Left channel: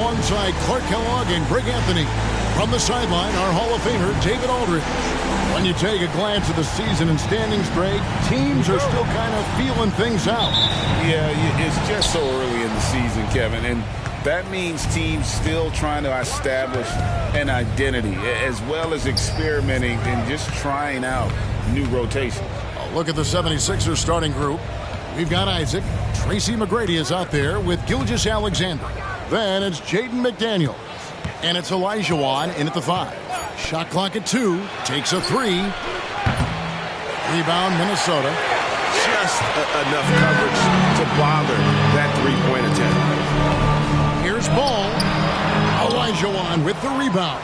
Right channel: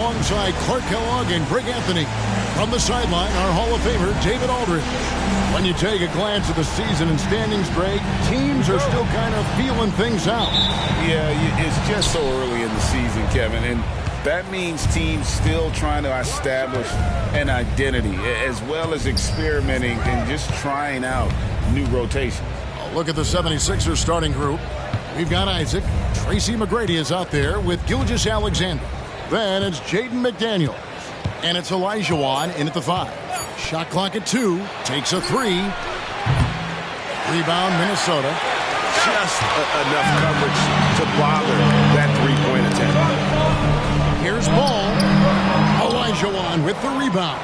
Alongside Clark Kellogg and Greg Anthony. From the sideline, our Hall of Famer, David Aldridge. When you take a glance at the season and standings, Greg, teams are still kind of feeling things out. Yeah, it's just so early in the season, Kevin, and that means teams still trying to establish an identity as well as experimenting and just trying out new rotations. A look at the 76ers starting group. We've got Isaac. Tracy McGrady is out there with Gilgeous-Alexander. Then it's Jaden McDaniels. And it's Olajuwon in at the 5. Shot clock at 2. Takes a 3. Rebound, Minnesota. Just enough coverage to bother that three-point attempt. Here's Ball. Olajuwon with the rebound.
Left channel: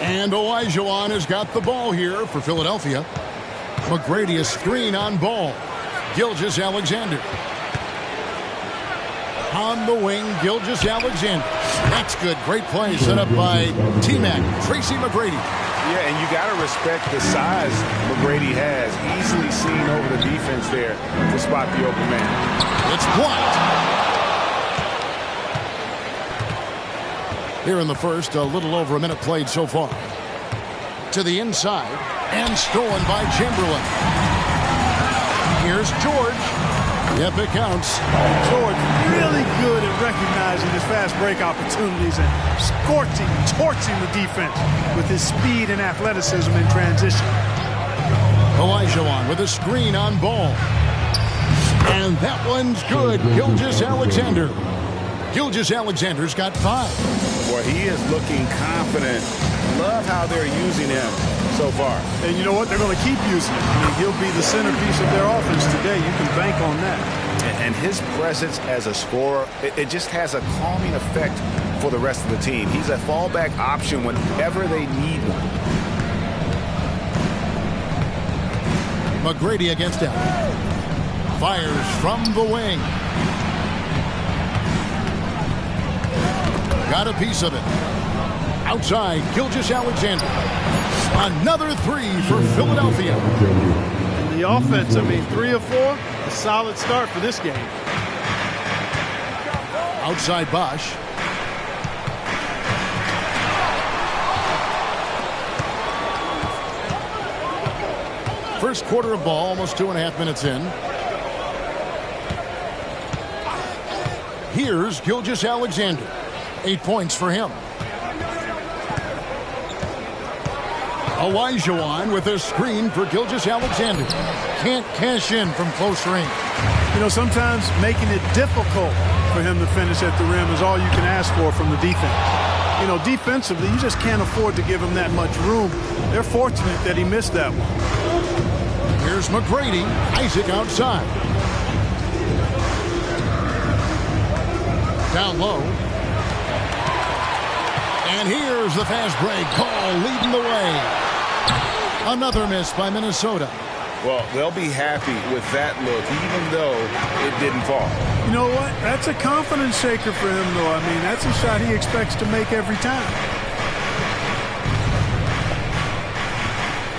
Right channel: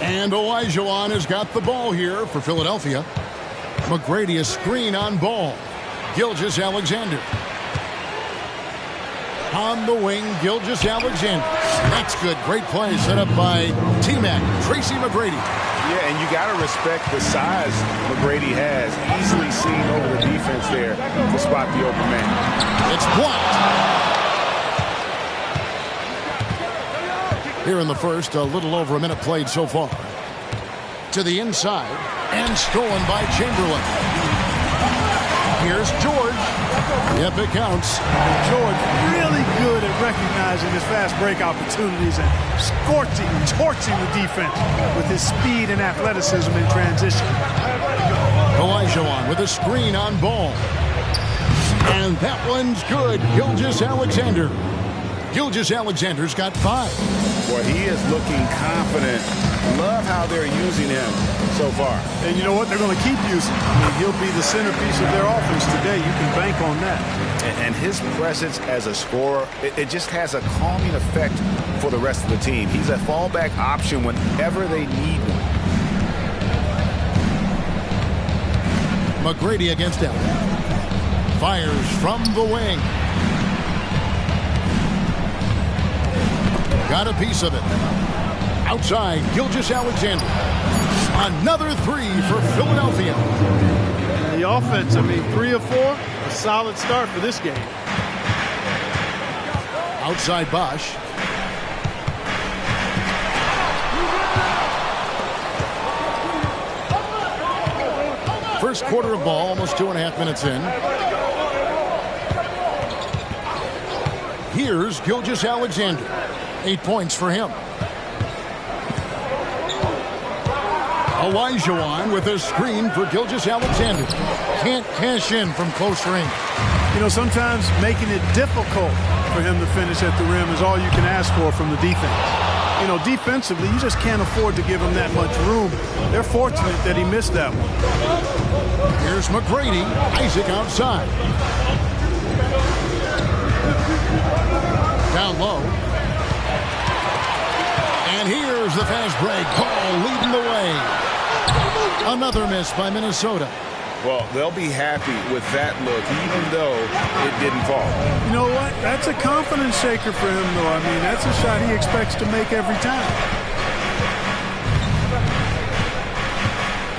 And Olajuwon has got the ball here for Philadelphia. McGrady a screen on Ball. Gilgeous-Alexander. On the wing, Gilgeous-Alexander. That's good. Great play set up by T-Mac, Tracy McGrady. Yeah, and you got to respect the size McGrady has. Easily seen over the defense there to spot the open man. It's blocked. Here in the first, a little over a minute played so far. To the inside, and stolen by Chamberlain. Here's George. Yep, it counts. And George really good at recognizing his fast break opportunities and scorching, torching the defense with his speed and athleticism in transition. Olajuwon with a screen on Ball. And that one's good. Gilgeous-Alexander. Gilgeous-Alexander's got 5. Boy, he is looking confident. Love how they're using him so far. And you know what? They're going to keep using him. I mean, he'll be the centerpiece of their offense today. You can bank on that. And his presence as a scorer, it just has a calming effect for the rest of the team. He's a fallback option whenever they need one. McGrady against Allen. Fires from the wing. Got a piece of it. Outside, Gilgeous-Alexander. Another 3 for Philadelphia. And the offense, I mean, 3 of 4, a solid start for this game. Outside Bosch. First quarter of ball, almost 2.5 minutes in. Here's Gilgeous-Alexander. 8 points for him. Olajuwon with a screen for Gilgeous-Alexander. Can't cash in from close range. You know, sometimes making it difficult for him to finish at the rim is all you can ask for from the defense. You know, defensively, you just can't afford to give him that much room. They're fortunate that he missed that one. Here's McGrady. Isaac outside. Down low. And here's the fast break. Ball leading the way. Another miss by Minnesota. Well, they'll be happy with that look, even though it didn't fall. You know what? That's a confidence shaker for him, though. I mean, that's a shot he expects to make every time.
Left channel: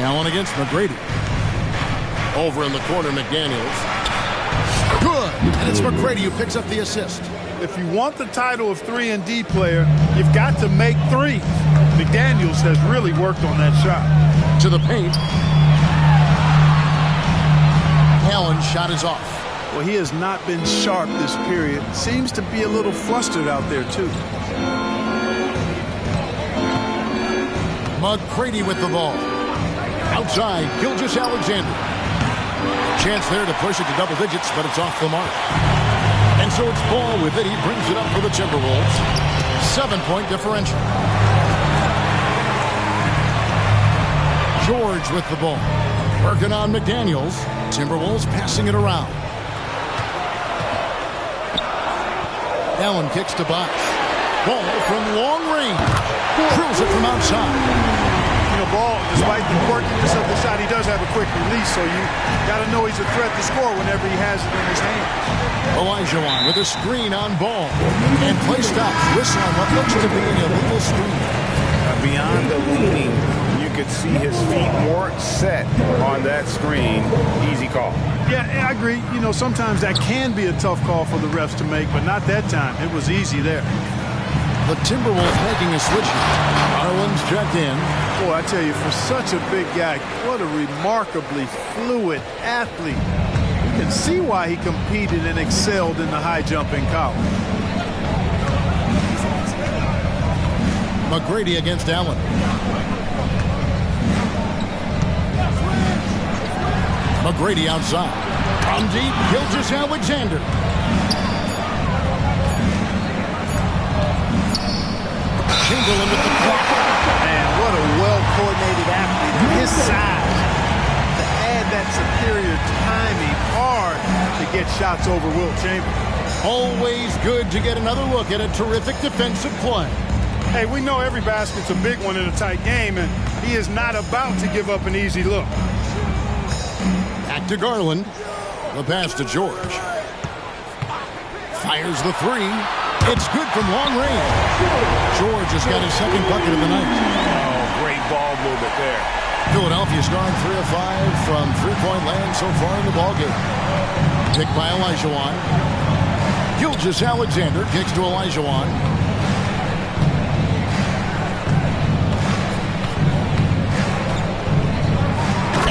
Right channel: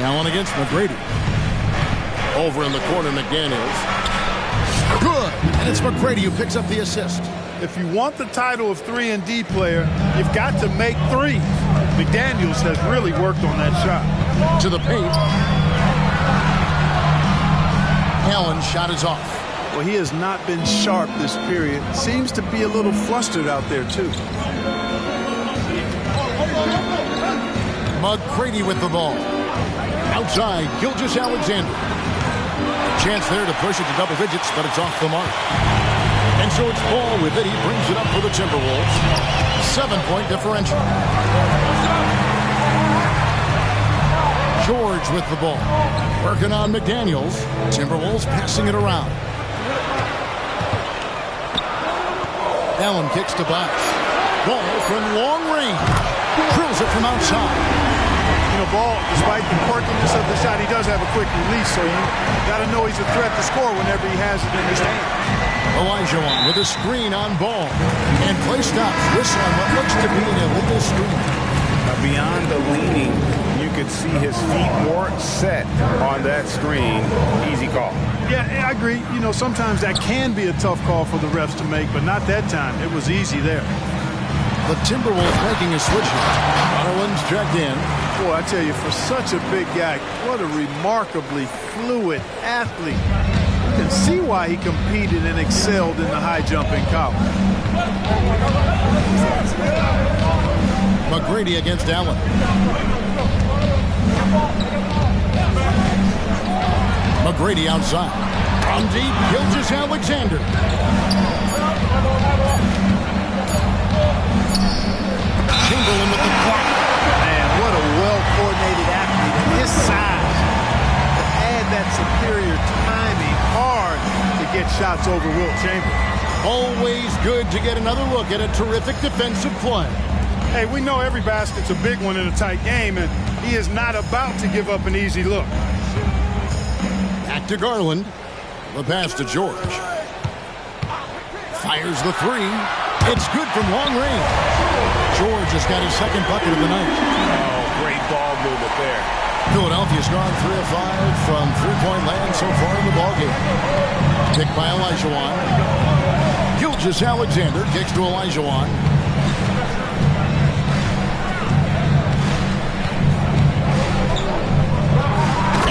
Allen against McGrady. Over in the corner, McDaniels. Good. And it's McGrady who picks up the assist. If you want the title of 3-and-D player, you've got to make threes. McDaniels has really worked on that shot. To the paint. Allen's shot is off. Well, he has not been sharp this period. Seems to be a little flustered out there, too. McGrady with the ball. Outside, Gilgeous-Alexander. A chance there to push it to double digits, but it's off the mark. And so it's Ball with it. He brings it up for the Timberwolves. 7-point differential. George with the ball. Working on McDaniels. Timberwolves passing it around. Allen kicks to Bosch. Ball from long range. Drills it from outside. You know, Ball, despite the quirkiness of the shot, he does have a quick release, so you got to know he's a threat to score whenever he has it in his hands. Olajuwon with a screen on Ball. And play stops. Whistle on what looks to be an illegal screen. Beyond the leaning, you could see his feet more set on that screen. Easy call. Yeah, I agree. You know, sometimes that can be a tough call for the refs to make, but not that time. It was easy there. The Timberwolves making a switch here. Garland's checked in. Boy, I tell you, for such a big guy, what a remarkably fluid athlete. You can see why he competed and excelled in the high jump in college. McGrady against Allen. McGrady outside. From deep, Gilgeous-Alexander. Chamberlain with the block. Man, what a well-coordinated athlete at his size. To add that superior timing, hard to get shots over Wilt Chamberlain. Always good to get another look at a terrific defensive play. Hey, we know every basket's a big one in a tight game, and he is not about to give up an easy look. Back to Garland. The pass to George. Fires the three. It's good from long range. George has got his second bucket of the night. Oh, great ball movement there. Philadelphia's gone 3 of 5 from three-point land so far in the ballgame. Picked by Olajuwon. Gilgeous-Alexander kicks to Olajuwon.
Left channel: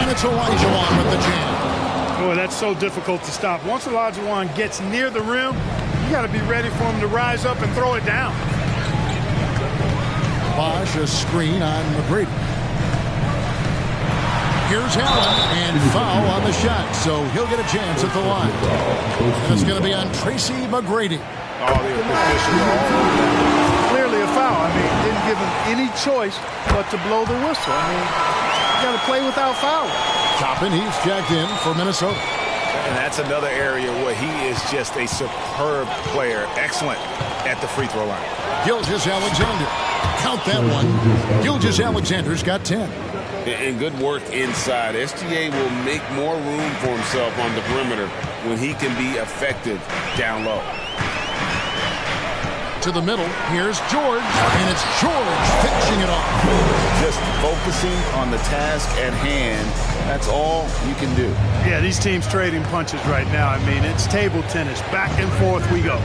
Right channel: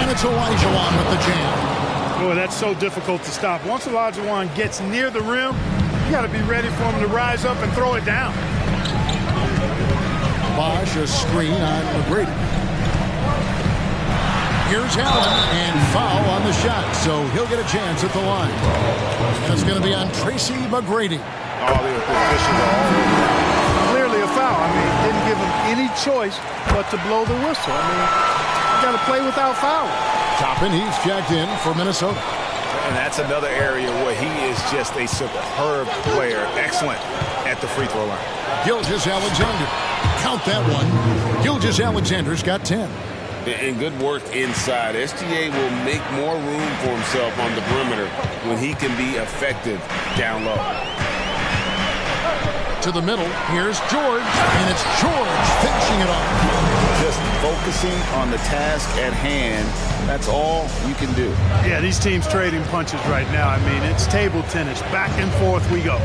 And it's Olajuwon with the jam. Boy, that's so difficult to stop. Once Olajuwon gets near the rim, you got to be ready for him to rise up and throw it down. Bosh, a screen on McGrady. Here's Allen, and foul on the shot, so he'll get a chance at the line. And it's going to be on Tracy McGrady. Oh, the officials are all over that. Clearly a foul. I mean, didn't give him any choice but to blow the whistle. I mean, you got to play without foul. Toppin, he's checked in for Minnesota. And that's another area where he is just a superb player. Excellent at the free throw line. Gilgeous-Alexander. Count that one. Gilgeous-Alexander's got 10. And good work inside. SGA will make more room for himself on the perimeter when he can be effective down low. To the middle, here's George, and it's George finishing it off. Just focusing on the task at hand, that's all you can do. Yeah, these teams trading punches right now. I mean, it's table tennis. Back and forth we go.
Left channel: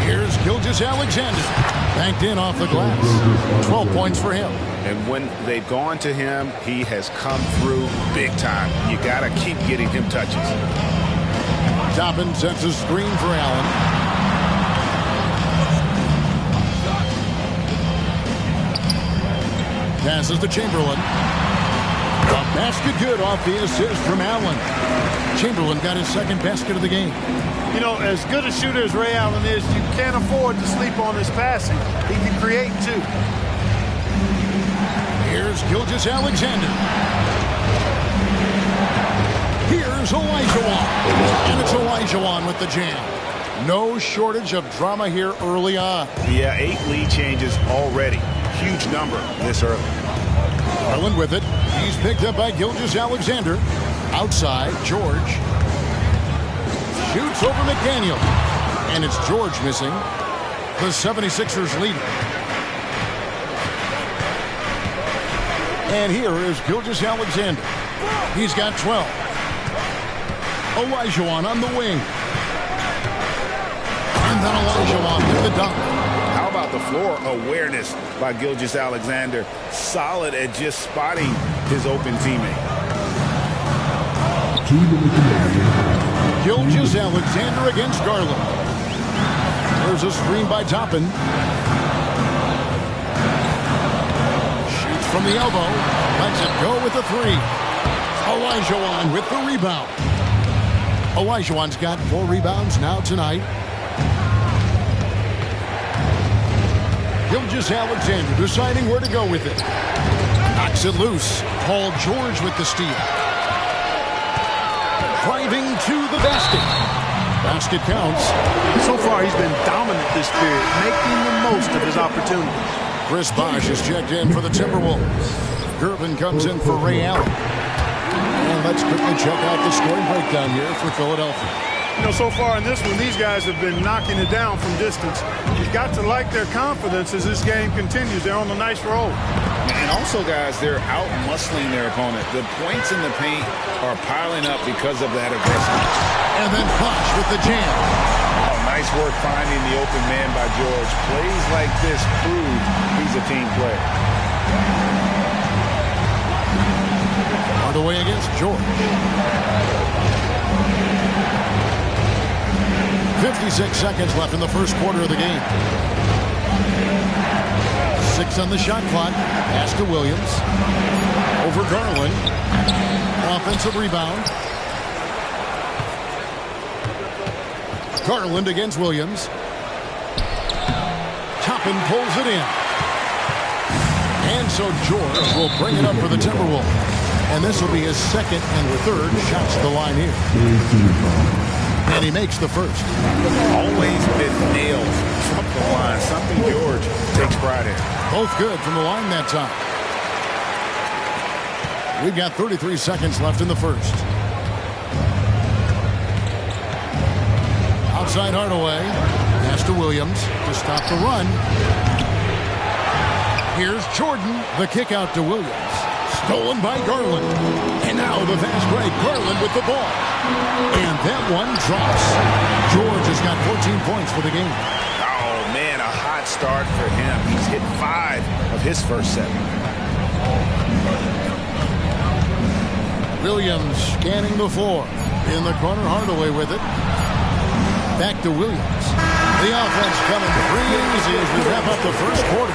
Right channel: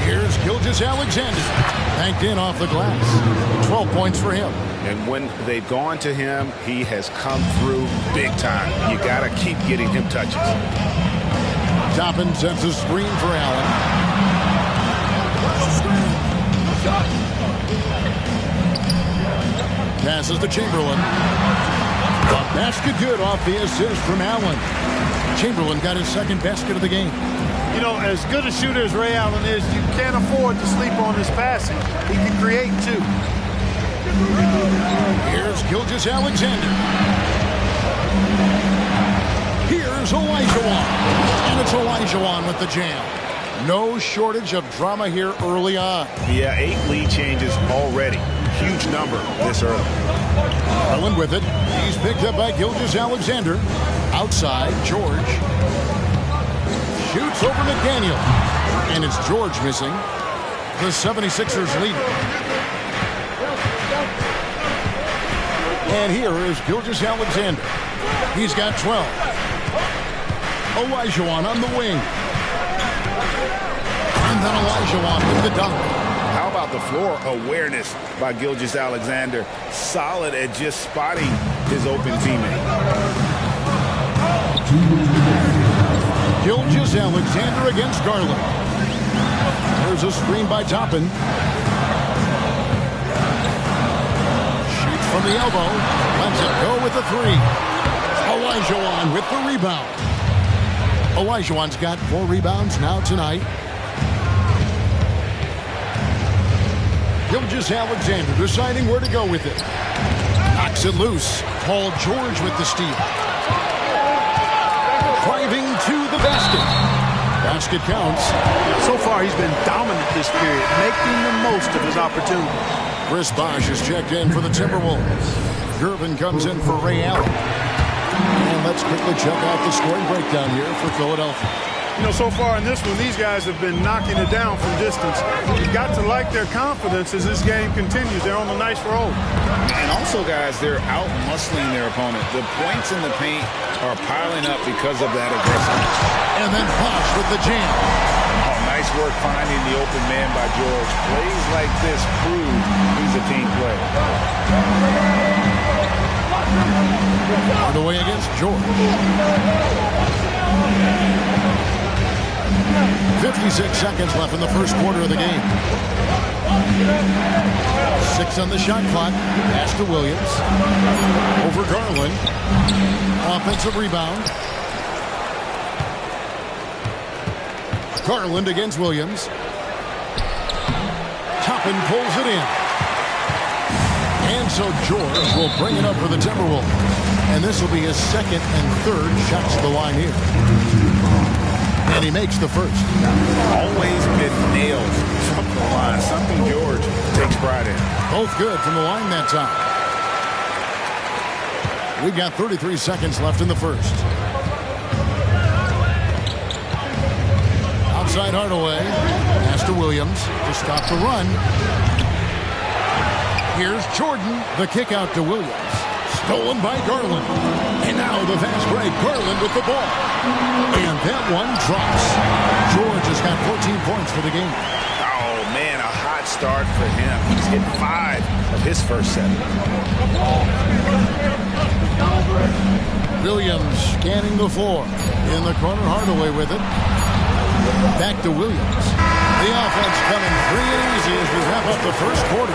Here's Gilgeous-Alexander. Banked in off the glass. 12 points for him. And when they've gone to him, he has come through big time. You got to keep getting him touches. Toppin sets a screen for Allen. Passes to Chamberlain. The basket good off the assist from Allen. Chamberlain got his second basket of the game. You know, as good a shooter as Ray Allen is, you can't afford to sleep on his passing. He can create too. Here's Gilgeous-Alexander. Here's Olajuwon. And it's Olajuwon with the jam. No shortage of drama here early on. Yeah, 8 lead changes already. Huge number this early. Garland with it. He's picked up by Gilgeous-Alexander. Outside, George. Shoots over McDaniel. And it's George missing. The 76ers lead. And here is Gilgeous-Alexander. He's got 12. Olajuwon on the wing. And then Olajuwon with the dunk. How about the floor awareness by Gilgeous-Alexander? Solid at just spotting his open teammate. Gilgeous-Alexander against Garland. There's a screen by Toppin. Shoots from the elbow. Lets it go with the three. Olajuwon with the rebound. Olajuwon's got 4 rebounds now tonight. Gilgeous-Alexander deciding where to go with it. Knocks it loose. Paul George with the steal. Driving to the basket. Basket counts. So far, he's been dominant this period, making the most of his opportunities. Chris Bosh is checked in for the Timberwolves. Gervin comes in for Ray Allen. And let's quickly check out the scoring breakdown here for Philadelphia. You know, so far in this one, these guys have been knocking it down from distance. You've got to like their confidence as this game continues. They're on a nice roll. And also, guys, they're out-muscling their opponent. The points in the paint are piling up because of that aggressiveness. And then Bosh with the jam. Oh, Nice work finding the open man by George. Plays like this prove he's a team player. Hardaway against George. 56 seconds left in the first quarter of the game. 6 on the shot clock. Pass to Williams. Over Garland. Offensive rebound. Garland against Williams. Toppin pulls it in. And so George will bring it up for the Timberwolves. And this will be his second and third shots to the line here. And he makes the first. Always been nails from the line. Something George takes pride in. Both good from the line that time. We've got 33 seconds left in the first. Outside Hardaway. Pass to Williams to stop the run. Here's Jordan. The kick out to Williams. Stolen by Garland. And now the fast break. Garland with the ball. And that one drops. George has got 14 points for the game. Oh, man, a hot start for him. He's hit 5 of his first 7. Williams scanning the floor. In the corner, Hardaway with it. Back to Williams. The offense coming free and easy as we wrap up the first quarter.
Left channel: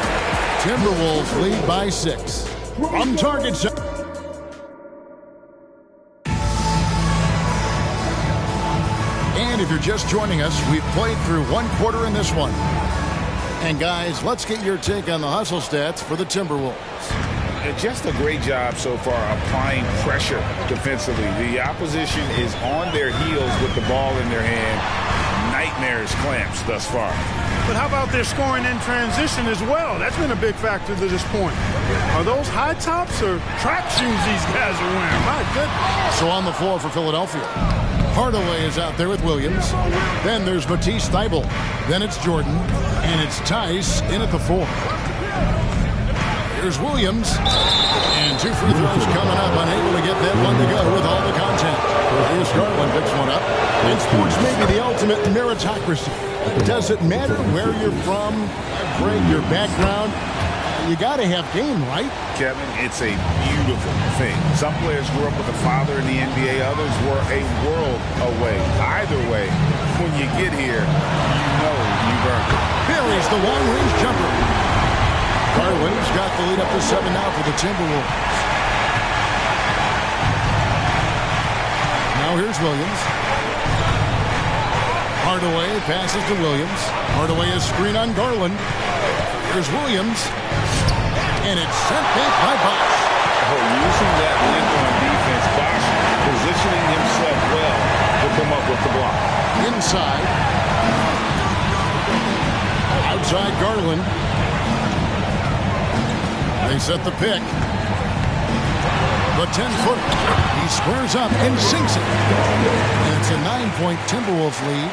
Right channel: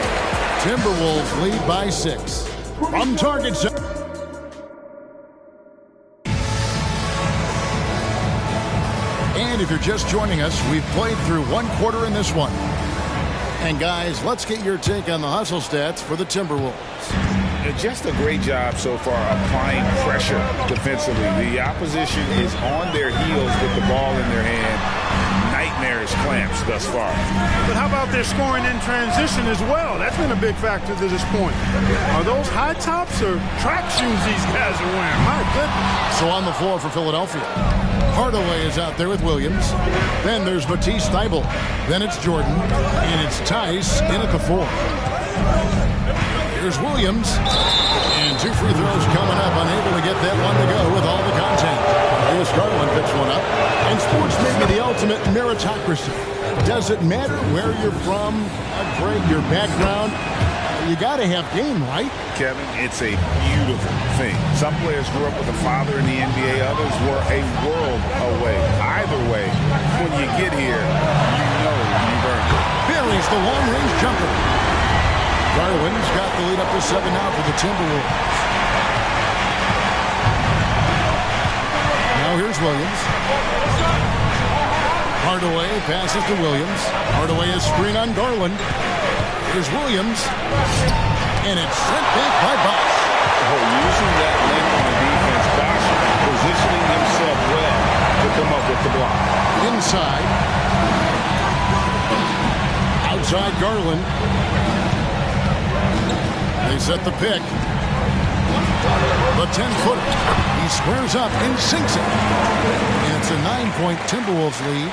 Timberwolves lead by 6. From target zone. And if you're just joining us, we've played through one quarter in this one. And guys, let's get your take on the hustle stats for the Timberwolves. Just a great job so far applying pressure defensively. The opposition is on their heels with the ball in their hand. Nightmarish clamps thus far. But how about their scoring in transition as well? That's been a big factor to this point. Are those high tops or track shoes these guys are wearing? My goodness. So on the floor for Philadelphia, Hardaway is out there with Williams. Then there's Matisse Thybulle. Then it's Jordan. And it's Tice in at the 4. Here's Williams. And 2 free throws coming up. Unable to get that one to go with all the content. Here's Garland picks one up. And sports may be the ultimate meritocracy. Does it matter where you're from, Greg, your background? You got to have game, right? Kevin, it's a beautiful thing. Some players grew up with a father in the NBA. Others were a world away. Either way, when you get here, you know you've earned it. Buries the long-range jumper. Garland's got the lead up to 7 now for the Timberwolves. Now here's Williams. Hardaway passes to Williams. Hardaway is screen on Garland. Here's Williams. And it's sent back by Bosch. Oh, using that length on defense, Bosch positioning himself well to come up with the block. Inside. Outside Garland. They set the pick. The 10-footer. He squares up and sinks it. And it's a 9-point Timberwolves lead.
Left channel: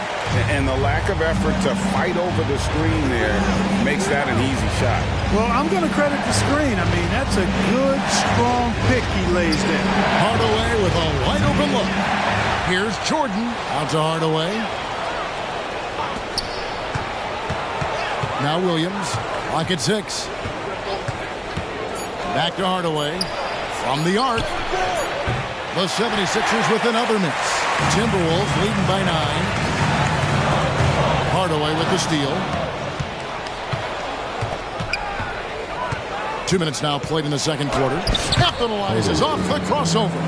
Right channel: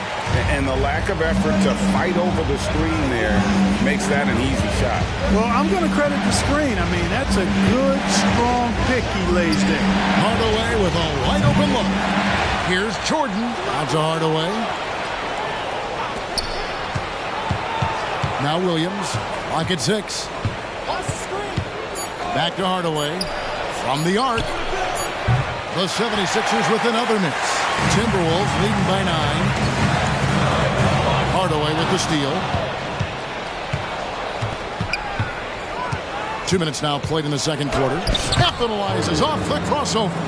And the lack of effort to fight over the screen there makes that an easy shot. Well, I'm going to credit the screen. I mean, that's a good, strong pick he lays there. Hardaway with a wide-open look. Here's Jordan. Out to Hardaway. Now Williams. Clock at 6. Back to Hardaway. From the arc. The 76ers with another miss. Timberwolves leading by 9. Hardaway with the steal. 2 minutes now played in the second quarter. Capitalizes off the crossover.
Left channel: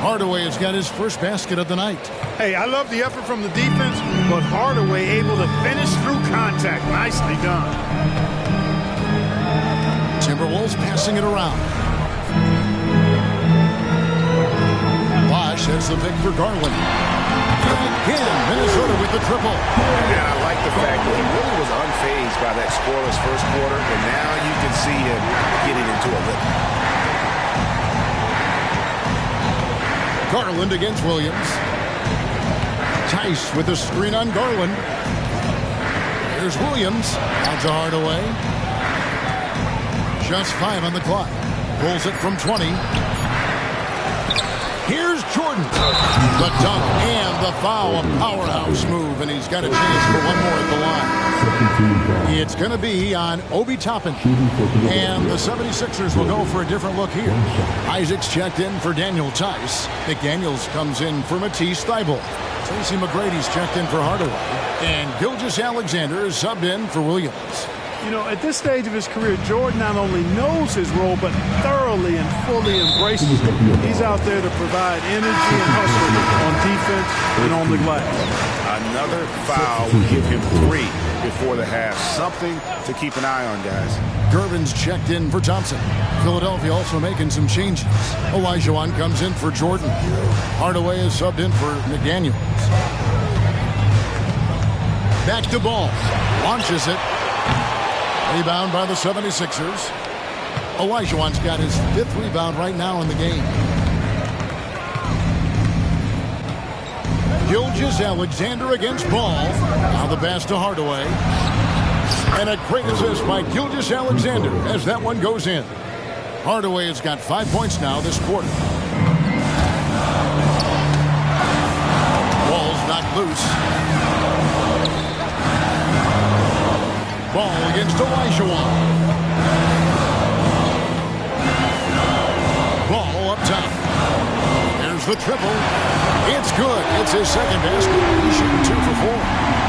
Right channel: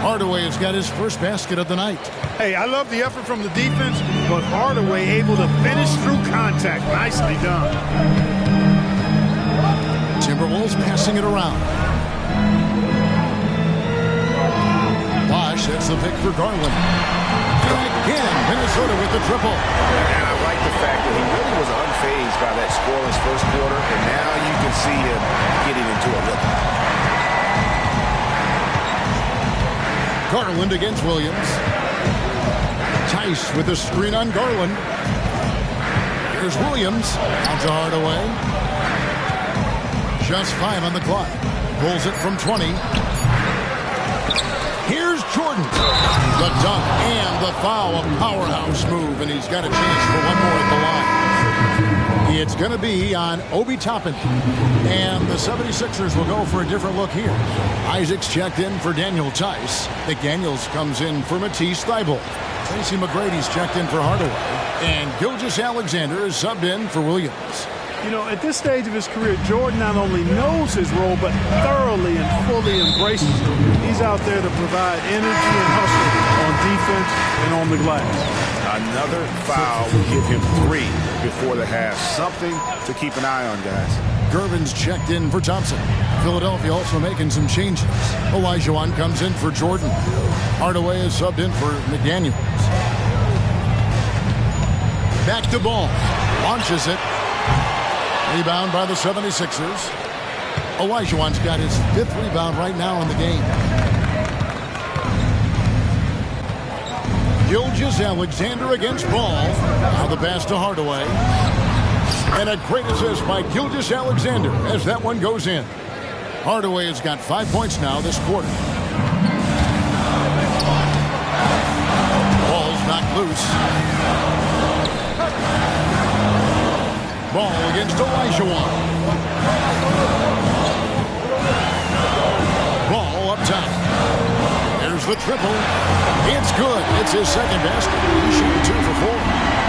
Hardaway has got his first basket of the night. Hey, I love the effort from the defense, but Hardaway able to finish through contact. Nicely done. Timberwolves passing it around. Bosch hits the pick for Garland. Again, Minnesota with the triple. And I like the fact that he really was unfazed by that scoreless first quarter, and now you can see him getting into a rhythm. Garland against Williams. Tice with the screen on Garland. Here's Williams. Out to Hardaway. Just 5 on the clock. Pulls it from 20. Here's Jordan. The dunk and the foul. A powerhouse move, and he's got a chance for one more at the line. It's going to be on Obi Toppin. And the 76ers will go for a different look here. Isaac's checked in for Daniel Tice. McDaniels comes in for Matisse Thybulle. Tracy McGrady's checked in for Hardaway. And Gilgeous-Alexander is subbed in for Williams. You know, at this stage of his career, Jordan not only knows his role, but thoroughly and fully embraces it. He's out there to provide energy and hustle on defense and on the glass. Another foul will give him 3 before the half. Something to keep an eye on, guys. Gervin's checked in for Thompson. Philadelphia also making some changes. Olajuwon comes in for Jordan. Hardaway is subbed in for McDaniels. Back to Ball. Launches it. Rebound by the 76ers. Olajuwon's got his 5th rebound right now in the game. Gilgeous-Alexander against Ball. Now the pass to Hardaway. And a great assist by Gilgeous-Alexander as that one goes in. Hardaway has got 5 points now this quarter. Ball's knocked loose. Ball against Olajuwon. Ball up top. There's the triple. It's good. It's his second basket. He's shooting 2 for 4.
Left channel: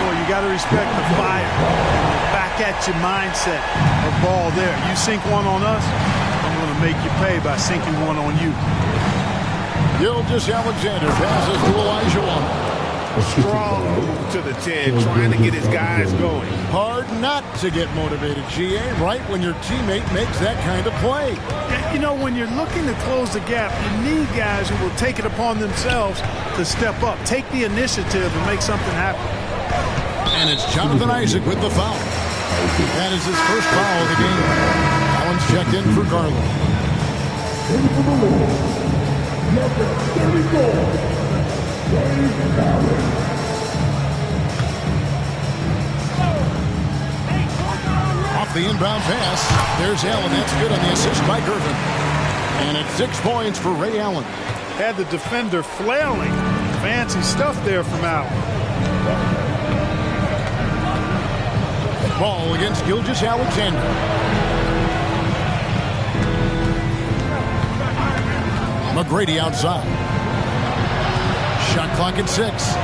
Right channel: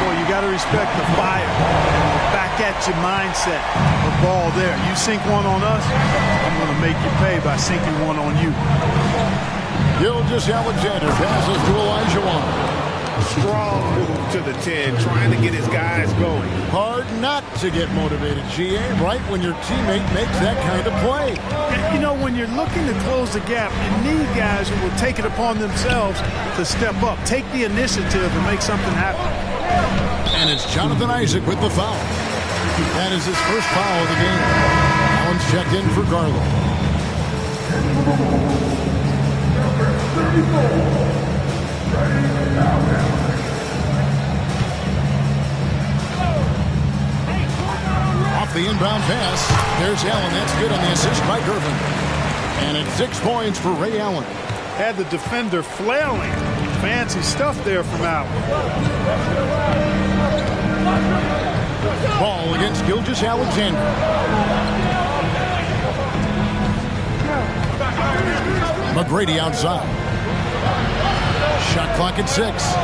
Boy, you got to respect the fire and the back-at-you mindset of Ball there. You sink one on us, I'm going to make you pay by sinking one on you. Gilgeous-Alexander passes to Olajuwon. Strong move to the 10, trying to get his guys going. Hard not to get motivated, GA, right when your teammate makes that kind of play. You know, when you're looking to close the gap, you need guys who will take it upon themselves to step up, take the initiative, and make something happen. And it's Jonathan Isaac with the foul. That is his first foul of the game. Allen's checked in for Garland. Number 34. Off the inbound pass. There's Allen. That's good on the assist by Gervin. And it's 6 points for Ray Allen. Had the defender flailing. Fancy stuff there from Allen. Ball against Gilgeous-Alexander. McGrady outside. Shot clock at 6.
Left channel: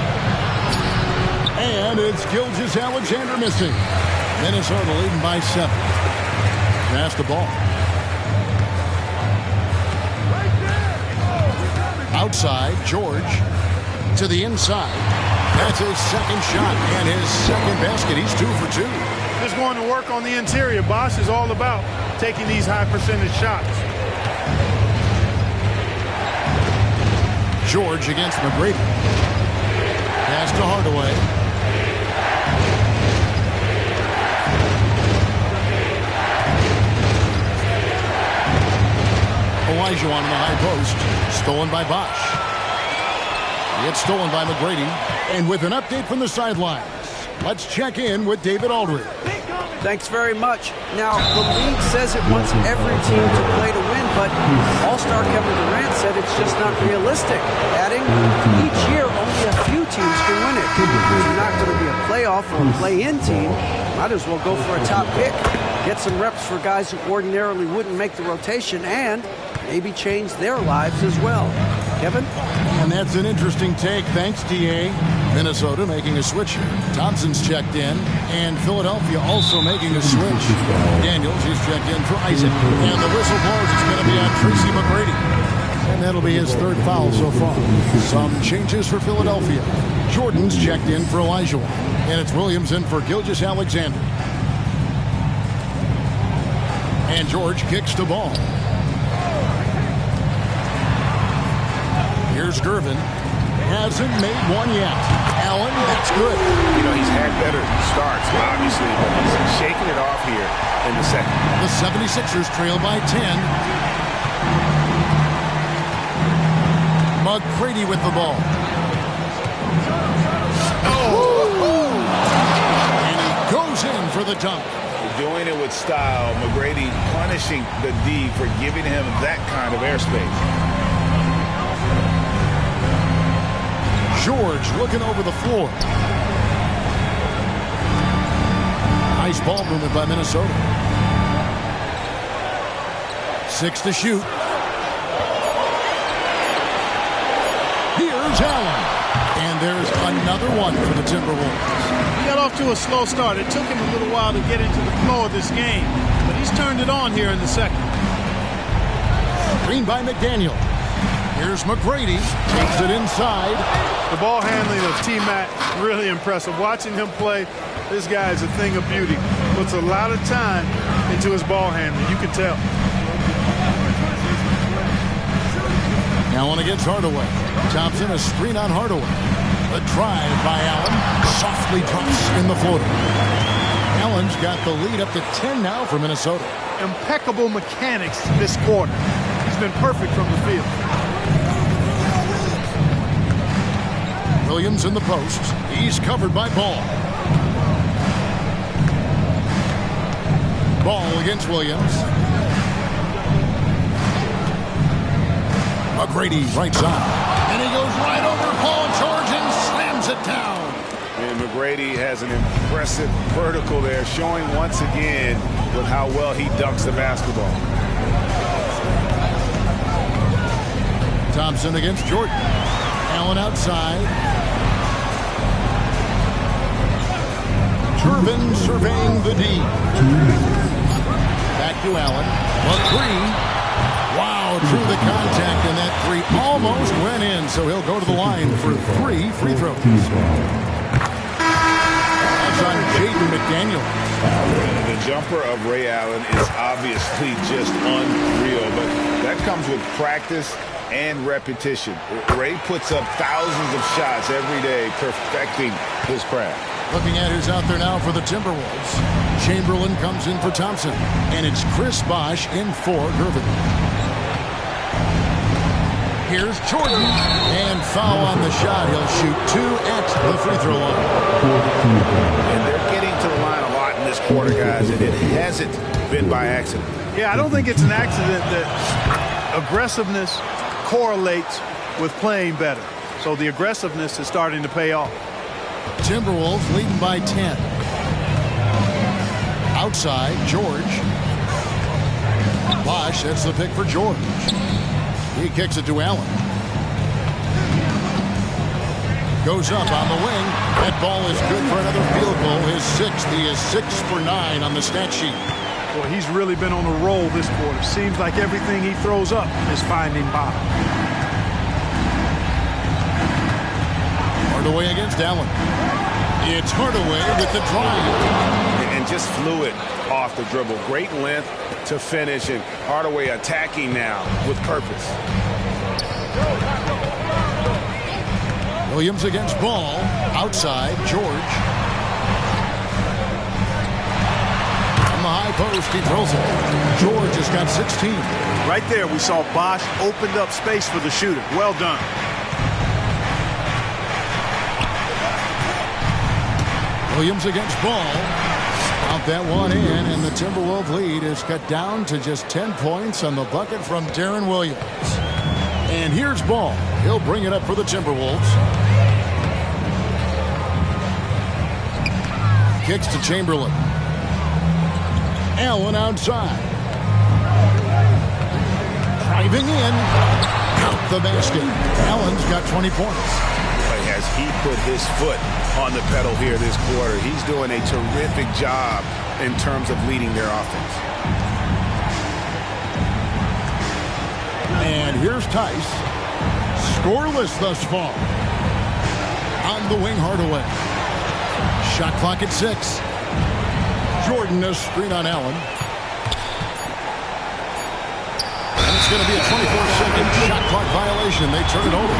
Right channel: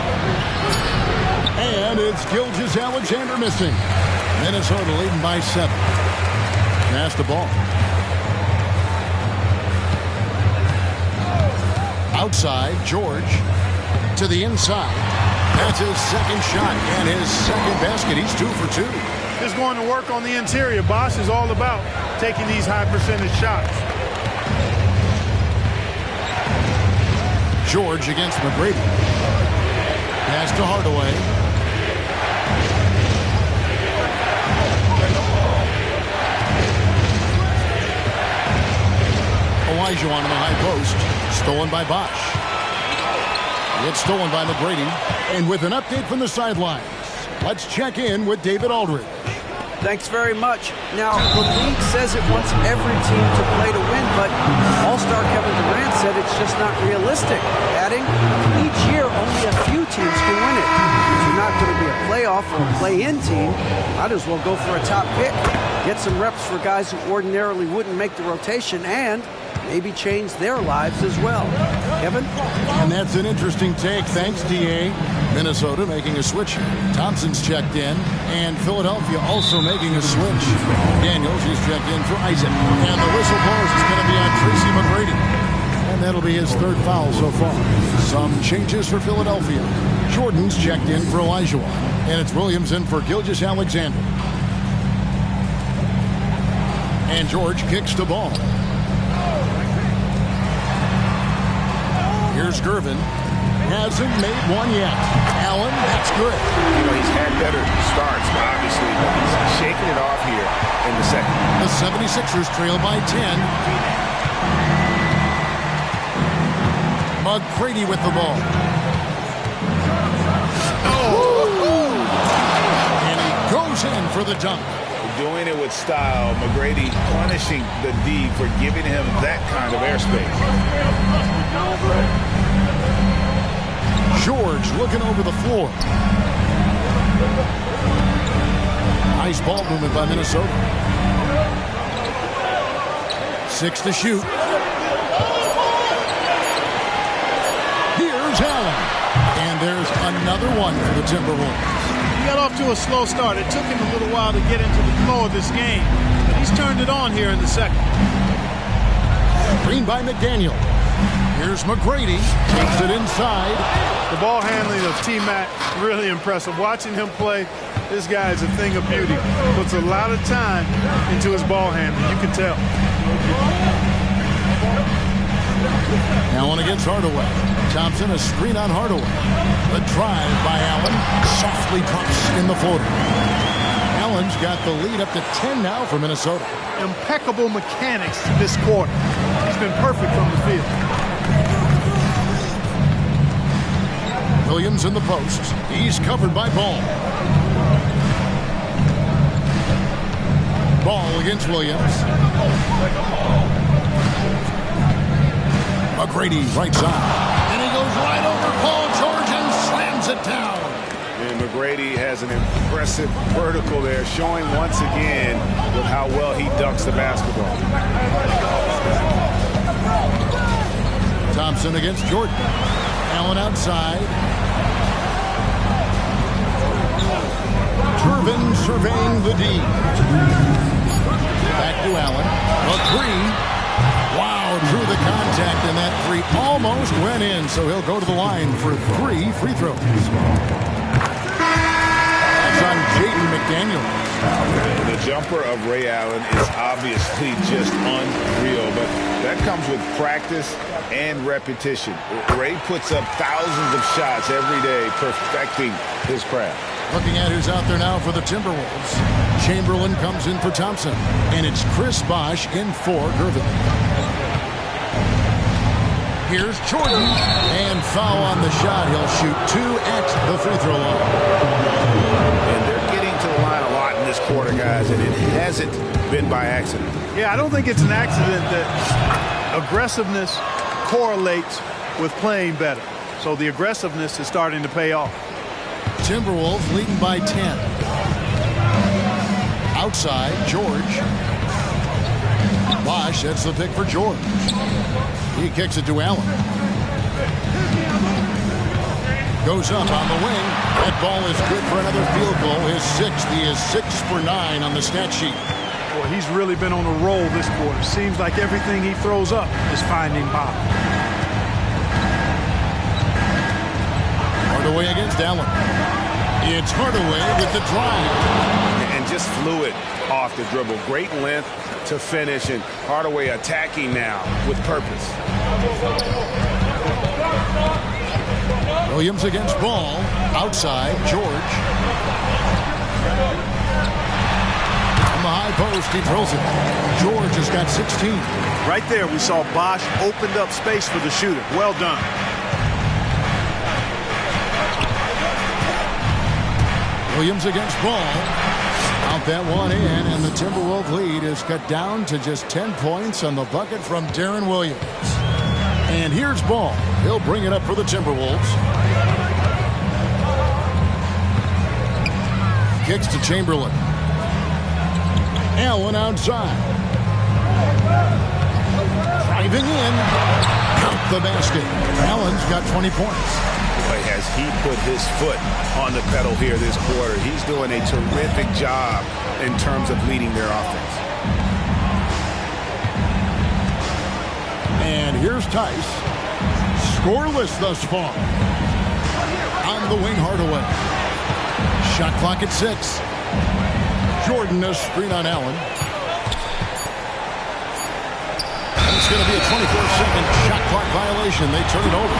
And it's Gilgeous-Alexander missing. Minnesota leading by 7. Pass the ball. Outside, George to the inside. That's his second shot and his second basket. He's 2 for 2. Just going to work on the interior. Bosch is all about taking these high percentage shots. George against McGrady. Pass to Hardaway. Olajuwon in the high post. Stolen by Bosch. It's stolen by McGrady. And with an update from the sidelines, let's check in with David Aldridge. Thanks very much. Now, the league says it wants every team to play to win, but All-Star Kevin Durant said it's just not realistic, adding, each year only a few teams can win it. If you're not going to be a playoff or a play-in team, might as well go for a top pick. Get some reps for guys who ordinarily wouldn't make the rotation and maybe change their lives as well. Kevin? And that's an interesting take. Thanks, DA. Minnesota making a switch here. Thompson's checked in, and Philadelphia also making a switch. Daniels is checked in for Isaac. And the whistle blows. It's going to be on Tracy McGrady. And that'll be his 3rd foul so far. Some changes for Philadelphia. Jordan's checked in for Olajuwon. And it's Williams in for Gilgeous-Alexander. And George kicks the ball. Here's Gervin. Hasn't made one yet. Allen, that's good. You know, he's had better starts, obviously, but he's shaking it off here in the second. The 76ers trail by 10. McGrady with the ball. Oh! And he goes in for the dunk. Doing it with style. McGrady punishing the D for giving him that kind of airspace. George looking over the floor. Nice ball movement by Minnesota. 6 to shoot. Here's Allen. And there's another one for the Timberwolves. He got off to a slow start. It took him a little while to get into the flow of this game, but he's turned it on here in the second. Screen by McDaniel. Here's McGrady. Takes it inside. The ball handling of T-Mac, really impressive. Watching him play, this guy is a thing of beauty. Puts a lot of time into his ball handling. You can tell. Allen against Hardaway. Thompson, a screen on Hardaway. A drive by Allen. Softly drops in the floater. Allen's got the lead up to 10 now for Minnesota. Impeccable mechanics this quarter. He's been perfect from the field. Williams in the post. He's covered by Ball. Ball against Williams. McGrady right side. And he goes right over Paul George and slams it down. And McGrady has an impressive vertical there, showing once again with how well he dunks the basketball. Thompson against Jordan. Allen outside. Turbin surveying the D. Back to Allen. A three. Wow, drew the contact, and that three almost went in, so he'll go to the line for 3 free throws. That's on Jaden McDaniel. The jumper of Ray Allen is obviously just unreal, but that comes with practice and repetition. Ray puts up thousands of shots every day, perfecting his craft. Looking at who's out there now for the Timberwolves. Chamberlain comes in for Thompson, and it's Chris Bosh in for Gervin. Here's Jordan, and foul on the shot. He'll shoot 2 at the free throw line. And they're getting to the line a lot in this quarter, guys, and it hasn't been by accident. Yeah, I don't think it's an accident that aggressiveness correlates with playing better. So the aggressiveness is starting to pay off. Timberwolves leading by 10. Outside, George. Bosh, that's the pick for George. He kicks it to Allen. Goes up on the wing. That ball is good for another field goal. His 6th. He is 6 for 9 on the stat sheet. Boy, he's really been on a roll this quarter. Seems like everything he throws up is finding bottom. Hardaway against Allen. It's Hardaway with the drive. And just fluid off the dribble. Great length to finish, and Hardaway attacking now with purpose. Williams against Ball. Outside, George. From the high post, he throws it. George has got 16. Right there, we saw Bosh opened up space for the shooter. Well done. Williams against Ball. Out that one in, and the Timberwolves lead is cut down to just 10 points on the bucket from Darren Williams. And here's Ball. He'll bring it up for the Timberwolves. Kicks to Chamberlain. Allen outside. Driving in. Count the basket. Allen's got 20 points. Boy, has he put his foot on the pedal here this quarter. He's doing a terrific job in terms of leading their offense. And here's Tice. Scoreless thus far. On the wing, Hardaway. Shot clock at 6. Jordan, a screen on Allen. And it's going to be a 24-second shot clock violation. They turn it over.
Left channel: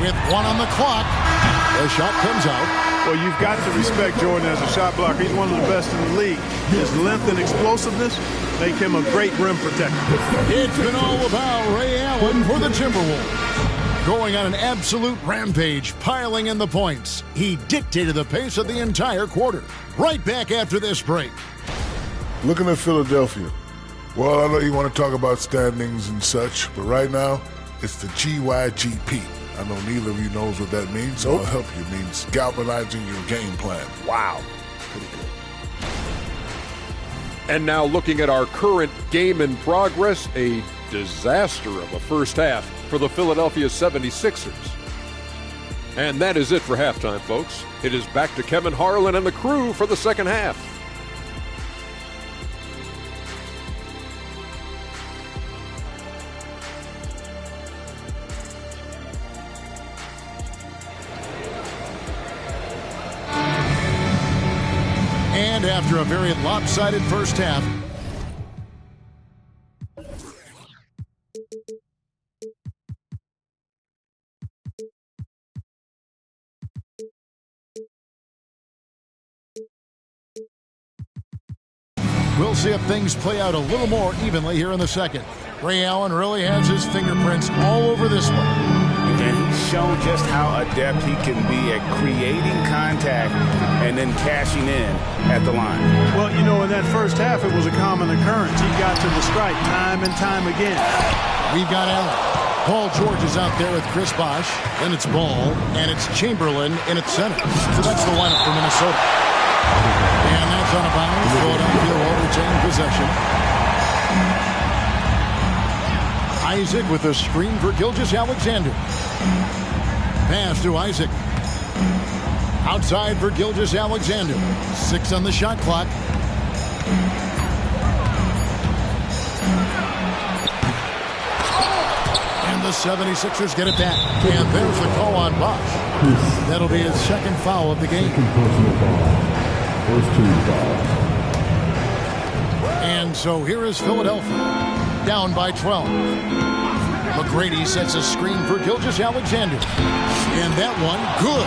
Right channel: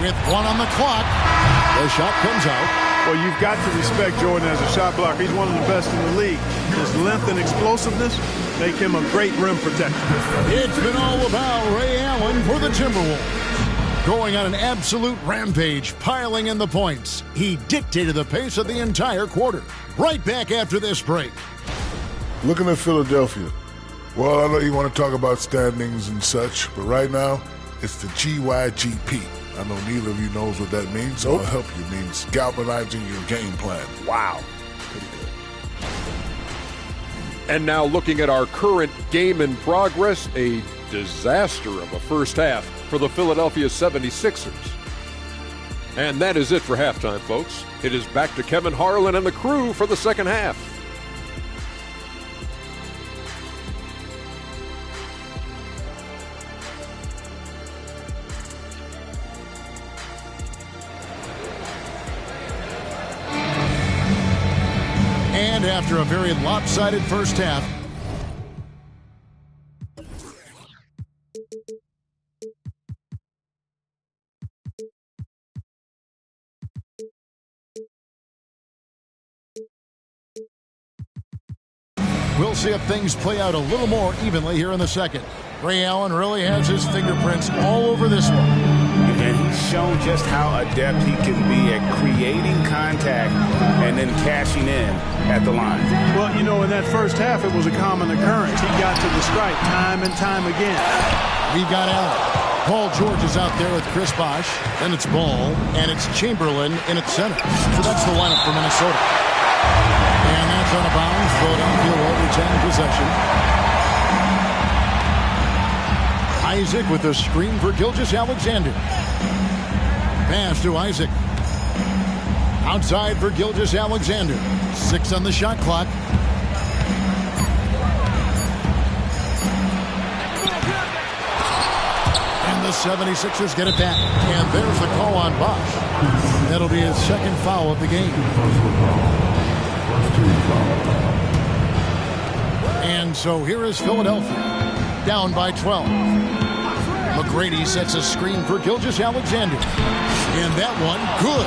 With 1 on the clock, the shot comes out. Well, you've got to respect Jordan as a shot blocker. He's one of the best in the league. His length and explosiveness make him a great rim protector. It's been all about Ray Allen for the Timberwolves. Going on an absolute rampage, piling in the points. He dictated the pace of the entire quarter. Right back after this break. Looking at Philadelphia, well, I know you want to talk about standings and such, but right now, it's the GYGP. I know neither of you knows what that means, so I'll help you. It means galvanizing your game plan. Wow. Pretty good. And now looking at our current game in progress, a disaster of a first half for the Philadelphia 76ers. And that is it for halftime, folks. It is back to Kevin Harlan and the crew for the second half. And after a very lopsided first half, we'll see if things play out a little more evenly here in the second. Ray Allen really has his fingerprints all over this one. And he's shown just how adept he can be at creating contact and then cashing in at the line. Well, you know, in that first half, it was a common occurrence. He got to the stripe time and time again. We've got Allen. Paul George is out there with Chris Bosh. Then it's Ball, and it's Chamberlain in its center. So that's the lineup for Minnesota. And that's out of bounds. Philadelphia will retain possession. Isaac with a screen for Gilgeous-Alexander. Pass to Isaac. Outside for Gilgeous-Alexander. 6 on the shot clock. And the 76ers get it back. And there's the call on Bosh. That'll be his second foul of the game. First team foul. And so here is Philadelphia. Down by 12. McGrady sets a screen for Gilgeous-Alexander. And that one, good.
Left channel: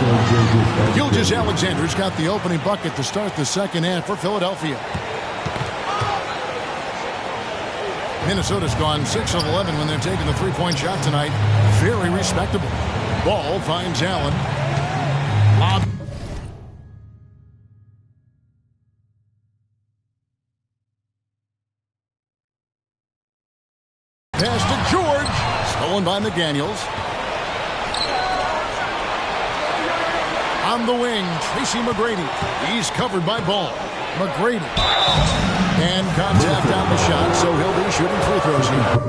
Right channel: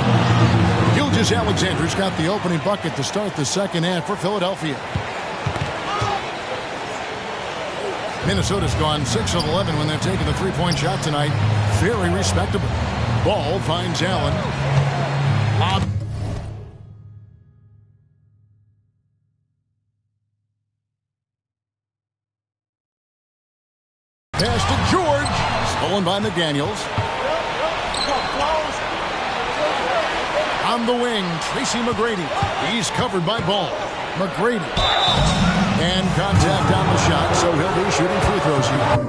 Gilgeous-Alexander's got the opening bucket to start the second half for Philadelphia. Minnesota's gone 6 of 11 when they've taken the three-point shot tonight. Very respectable. Ball finds Allen. Lob. Pass to George. Stolen by McDaniels. On the wing, Tracy McGrady. He's covered by Ball. McGrady. And contact on the shot, so he'll be shooting free throws here.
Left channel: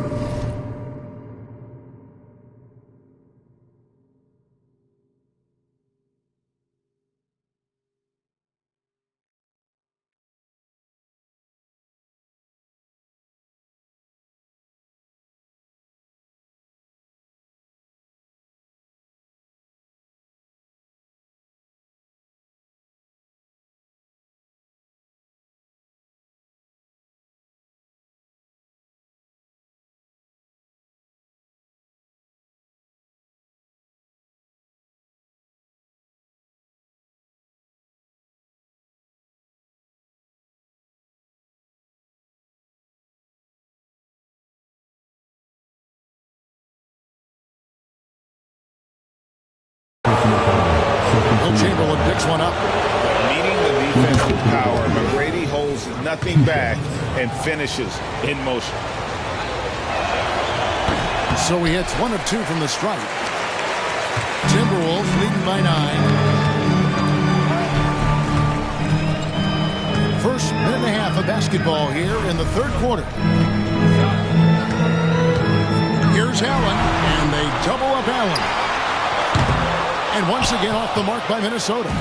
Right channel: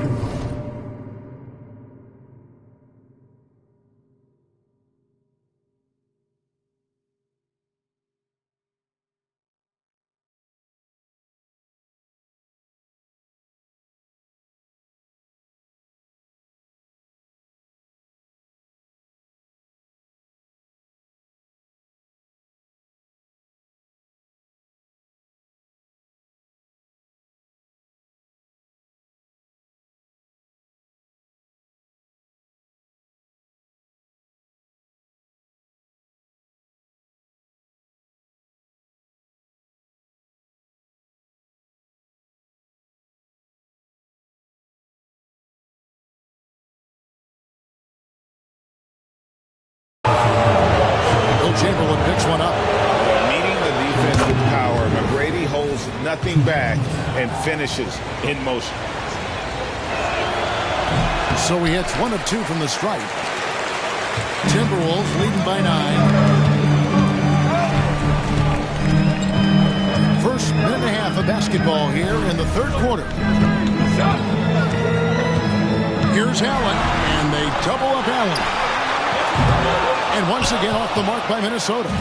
Will Chamberlain picks one up. Meeting the defense with power, McGrady holds nothing back and finishes in motion. So he hits 1 of 2 from the stripe. Timberwolves leading by 9. First minute and a half of basketball here in the third quarter. Here's Allen, and they double up Allen. And once again off the mark by Minnesota.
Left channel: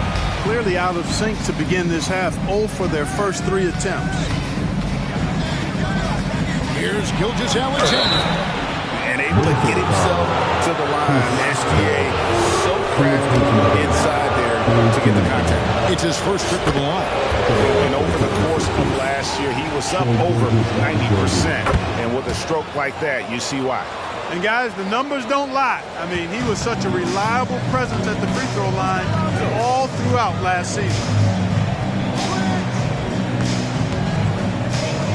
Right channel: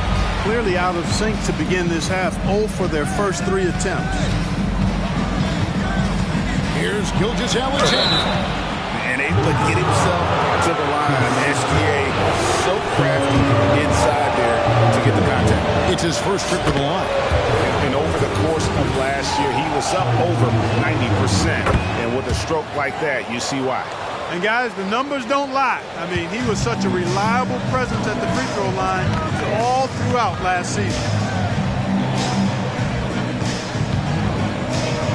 Clearly out of sync to begin this half. 0 for their first 3 attempts. Here's Gilgeous-Alexander. And able to get himself to the line. SGA so crafty inside there to get the contact. It's his first trip to the line. And over the course of last year, he was up over 90%. And with a stroke like that, you see why. And guys, the numbers don't lie. I mean, he was such a reliable presence at the free throw line all throughout last season.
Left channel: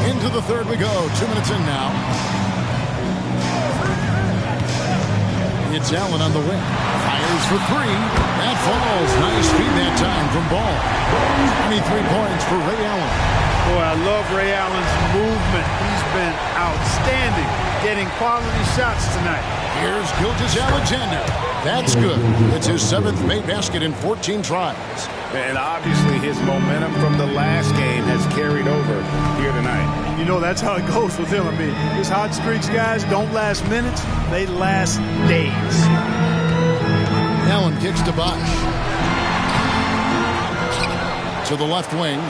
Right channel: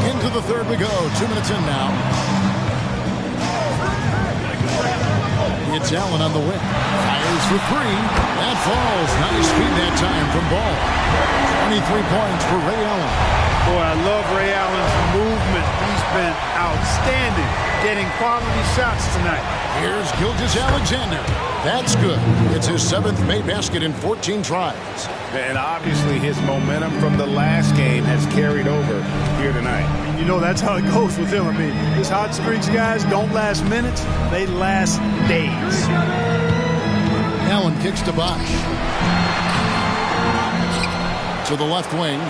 Into the third we go. 2 minutes in now. It's Allen on the wing. Fires for 3. That falls. Nice feed that time from Ball. 23 points for Ray Allen. Boy, I love Ray Allen's movement. He's been outstanding, getting quality shots tonight. Here's Gilgeous-Alexander. That's good. It's his 7th made basket in 14 tries. And obviously his momentum from the last game has carried over here tonight. And you know that's how it goes with him. I mean, his hot streaks, guys, don't last minutes. They last days. Allen kicks to Bosch. To the left wing.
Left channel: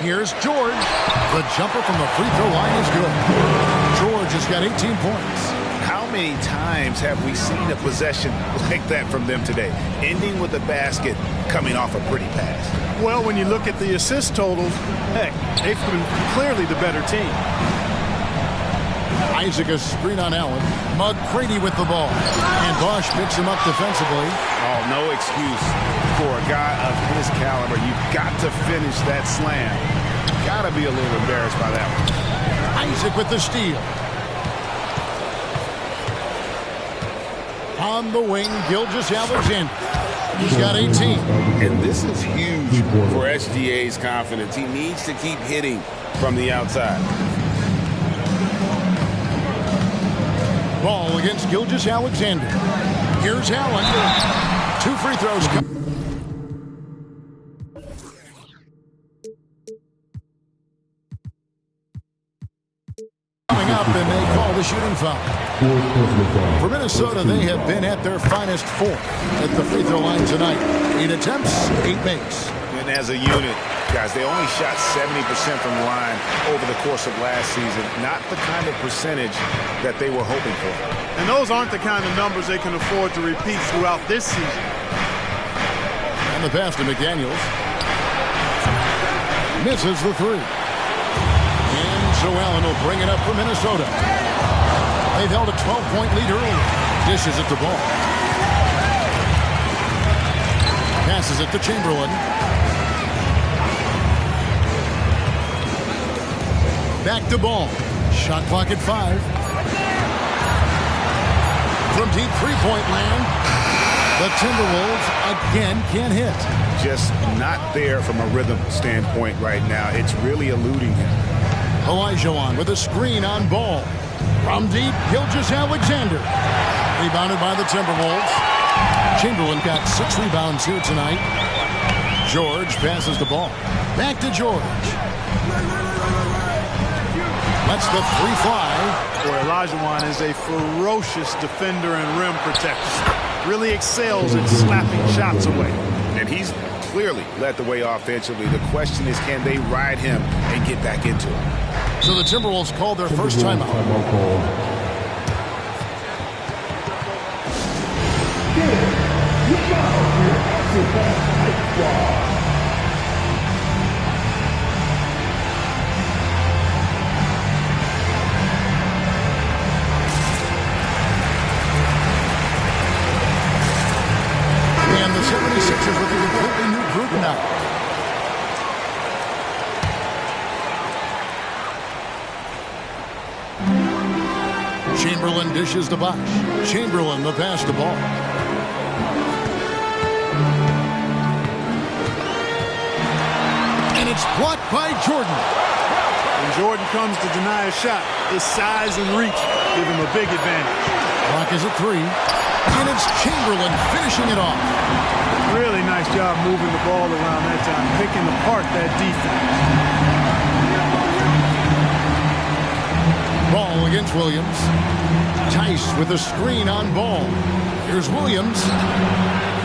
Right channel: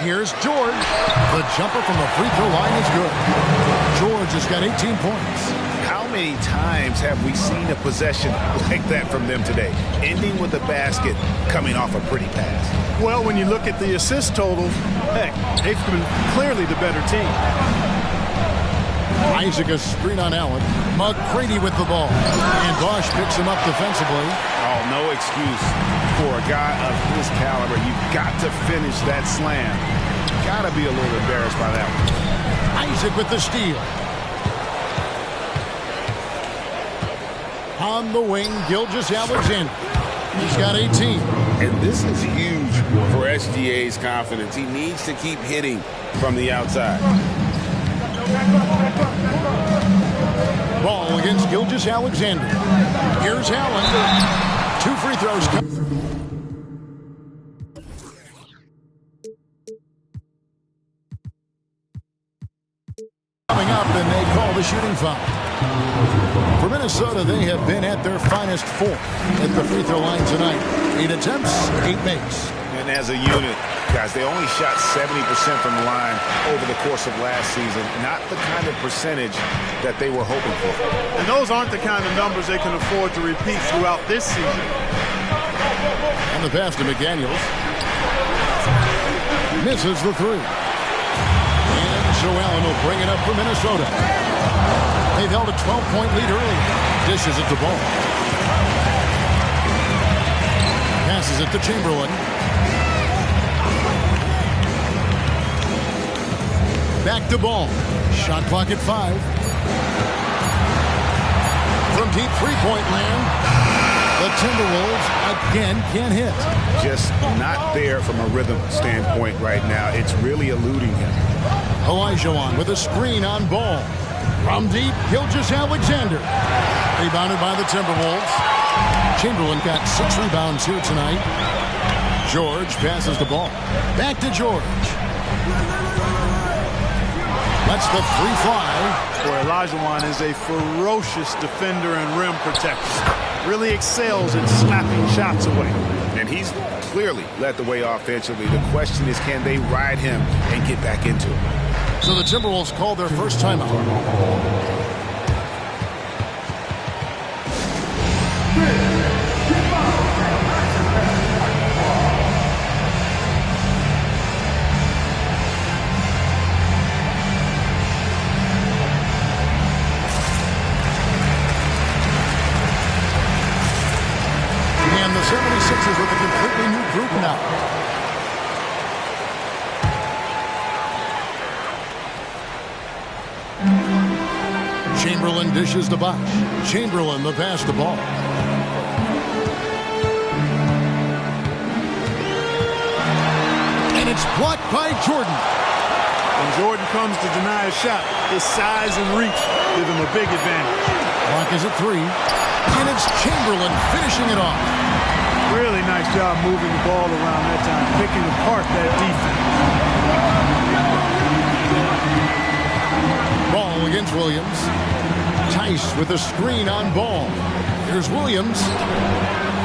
Here's George. The jumper from the free throw line is good. George has got 18 points. How many times have we seen a possession like that from them today, ending with a basket coming off a pretty pass? Well, when you look at the assist totals, heck, they've been clearly the better team. Isaac a screen on Allen. McCready with the ball. And Bosch picks him up defensively. Oh, no excuse for a guy of his caliber. You've got to finish that slam. Got to be a little embarrassed by that one. Isaac with the steal. On the wing, Gilgeous-Alexander. He's got 18. And this is huge for SGA's confidence. He needs to keep hitting from the outside. Ball against Gilgeous-Alexander. Here's Allen. 2 free throws. Coming up, and they call the shooting foul. For Minnesota, they have been at their finest 4 at the free throw line tonight. 8 attempts, 8 makes. And as a unit, guys, they only shot 70% from the line over the course of last season. Not the kind of percentage that they were hoping for. And those aren't the kind of numbers they can afford to repeat throughout this season. And the pass to McDaniels. Misses the 3. And so Allen will bring it up for Minnesota. They've held a 12-point lead earlier. Dishes it to Ball. Passes it to Chamberlain. Back to Ball. Shot clock at 5. From deep three-point land, the Timberwolves again can't hit. Just not there from a rhythm standpoint right now. It's really eluding him. Olajuwon with a screen on Ball. From deep, Gilgeous-Alexander. Rebounded by the Timberwolves. Chamberlain got 6 rebounds here tonight. George passes the ball. Back to George. Lets the 3 fly. Boy, Olajuwon is a ferocious defender and rim protector. Really excels at slapping shots away. And he's clearly led the way offensively. The question is, can they ride him and get back into it? So the Timberwolves called their first timeout. And the 76ers with a completely new group now. Chamberlain dishes to Bosch. Chamberlain the pass to Ball. And it's blocked by Jordan. When Jordan comes to deny a shot, his size and reach give him a big advantage. Clock is at 3. And it's Chamberlain finishing it off. Really nice job moving the ball around that time, picking apart that defense. Ball against Williams. Tice with a screen on Ball. Here's Williams.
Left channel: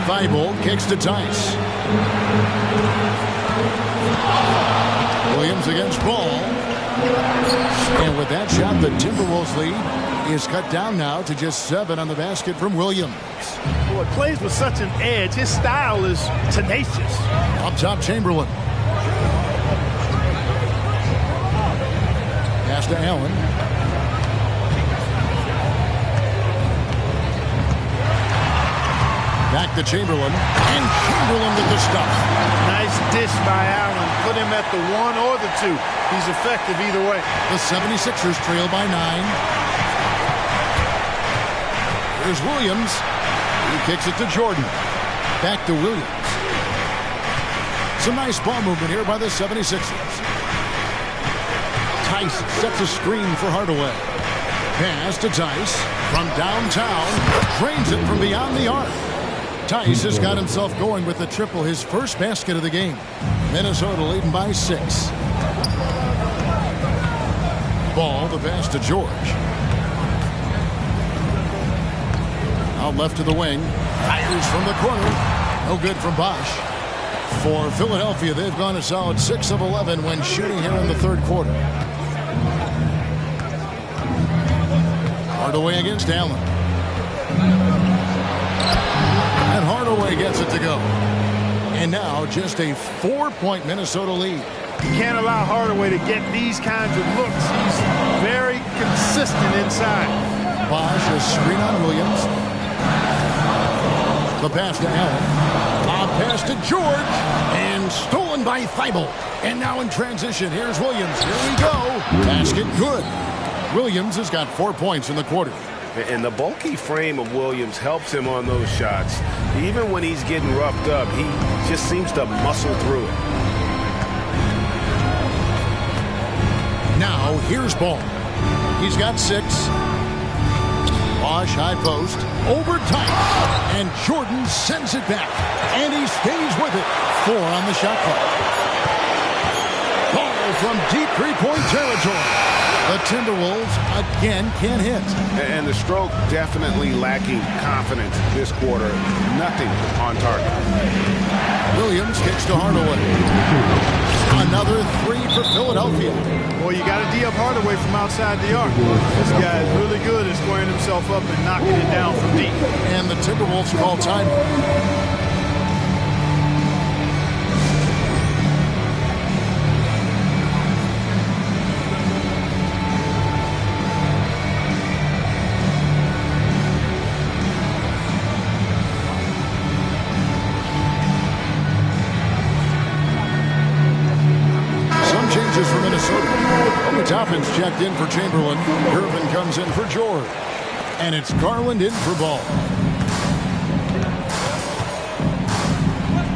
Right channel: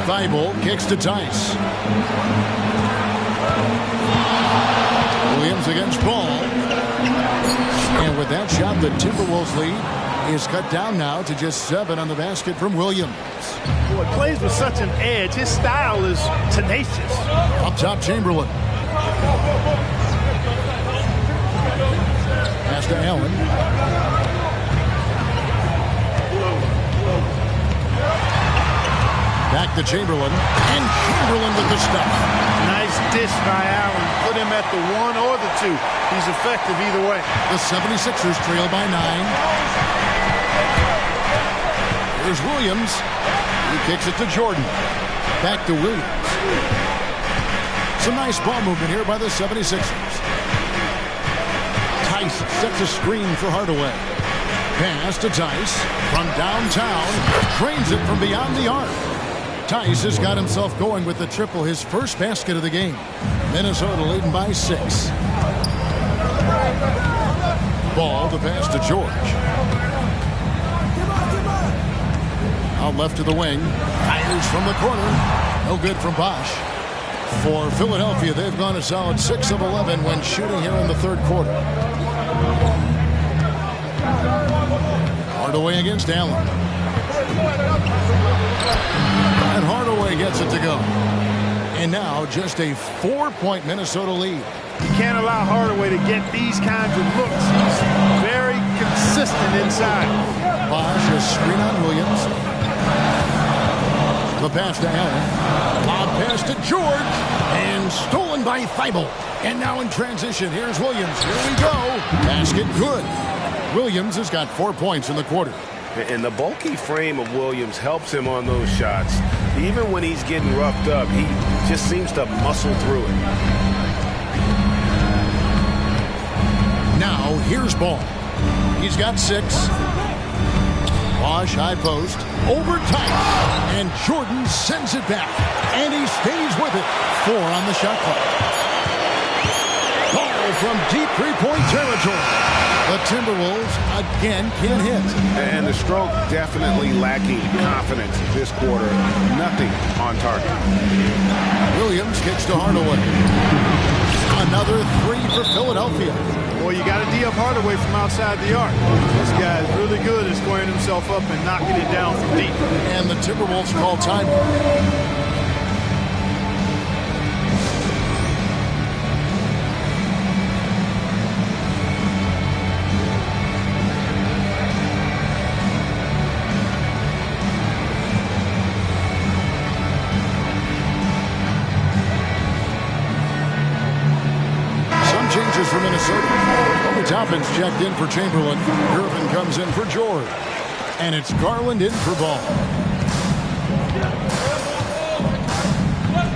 Thibault kicks to Tice. Williams against Ball. And with that shot, the Timberwolves lead is cut down now to just 7 on the basket from Williams. Boy, plays with such an edge. His style is tenacious. Up top, Chamberlain. Pass to Allen. Back to Chamberlain. And Chamberlain with the stuff. Nice dish by Allen. Put him at the 1 or the 2. He's effective either way. The 76ers trail by 9. Here's Williams. He kicks it to Jordan. Back to Williams. Some nice ball movement here by the 76ers. Tice sets a screen for Hardaway. Pass to Tice from downtown. Drains it from beyond the arc. Tice has got himself going with the triple, his first basket of the game. Minnesota leading by 6. Ball, the pass to George. Out left to the wing. Fires from the corner. No good from Bosch. For Philadelphia, they've gone a solid 6 of 11 when shooting here in the third quarter. Hardaway against Allen. And Hardaway gets it to go. And now just a 4-point Minnesota lead. You can't allow Hardaway to get these kinds of looks. He's very consistent inside. Bosch, a screen on Williams. The pass to Allen. Lob pass to George. And stolen by Thibault. And now in transition, here's Williams. Here we go. Basket good. Williams has got 4 points in the quarter. And the bulky frame of Williams helps him on those shots. Even when he's getting roughed up, he just seems to muscle through it. Now, here's Ball. He's got 6. Bosch, high post. Over Tice. And Jordan sends it back. And he stays with it. 4 on the shot clock. Ball from deep three-point territory. The Timberwolves again can't hit. And the stroke definitely lacking confidence this quarter. Nothing on target. Williams kicks to Hardaway. Another 3 for Philadelphia. Boy, you got to D up Hardaway from outside the arc. This guy is really good at squaring himself up and knocking it down from deep. And the Timberwolves call timing. Changes for Minnesota. Obi Toppin's checked in for Chamberlain. Gervin comes in for George. And it's Garland in for Ball.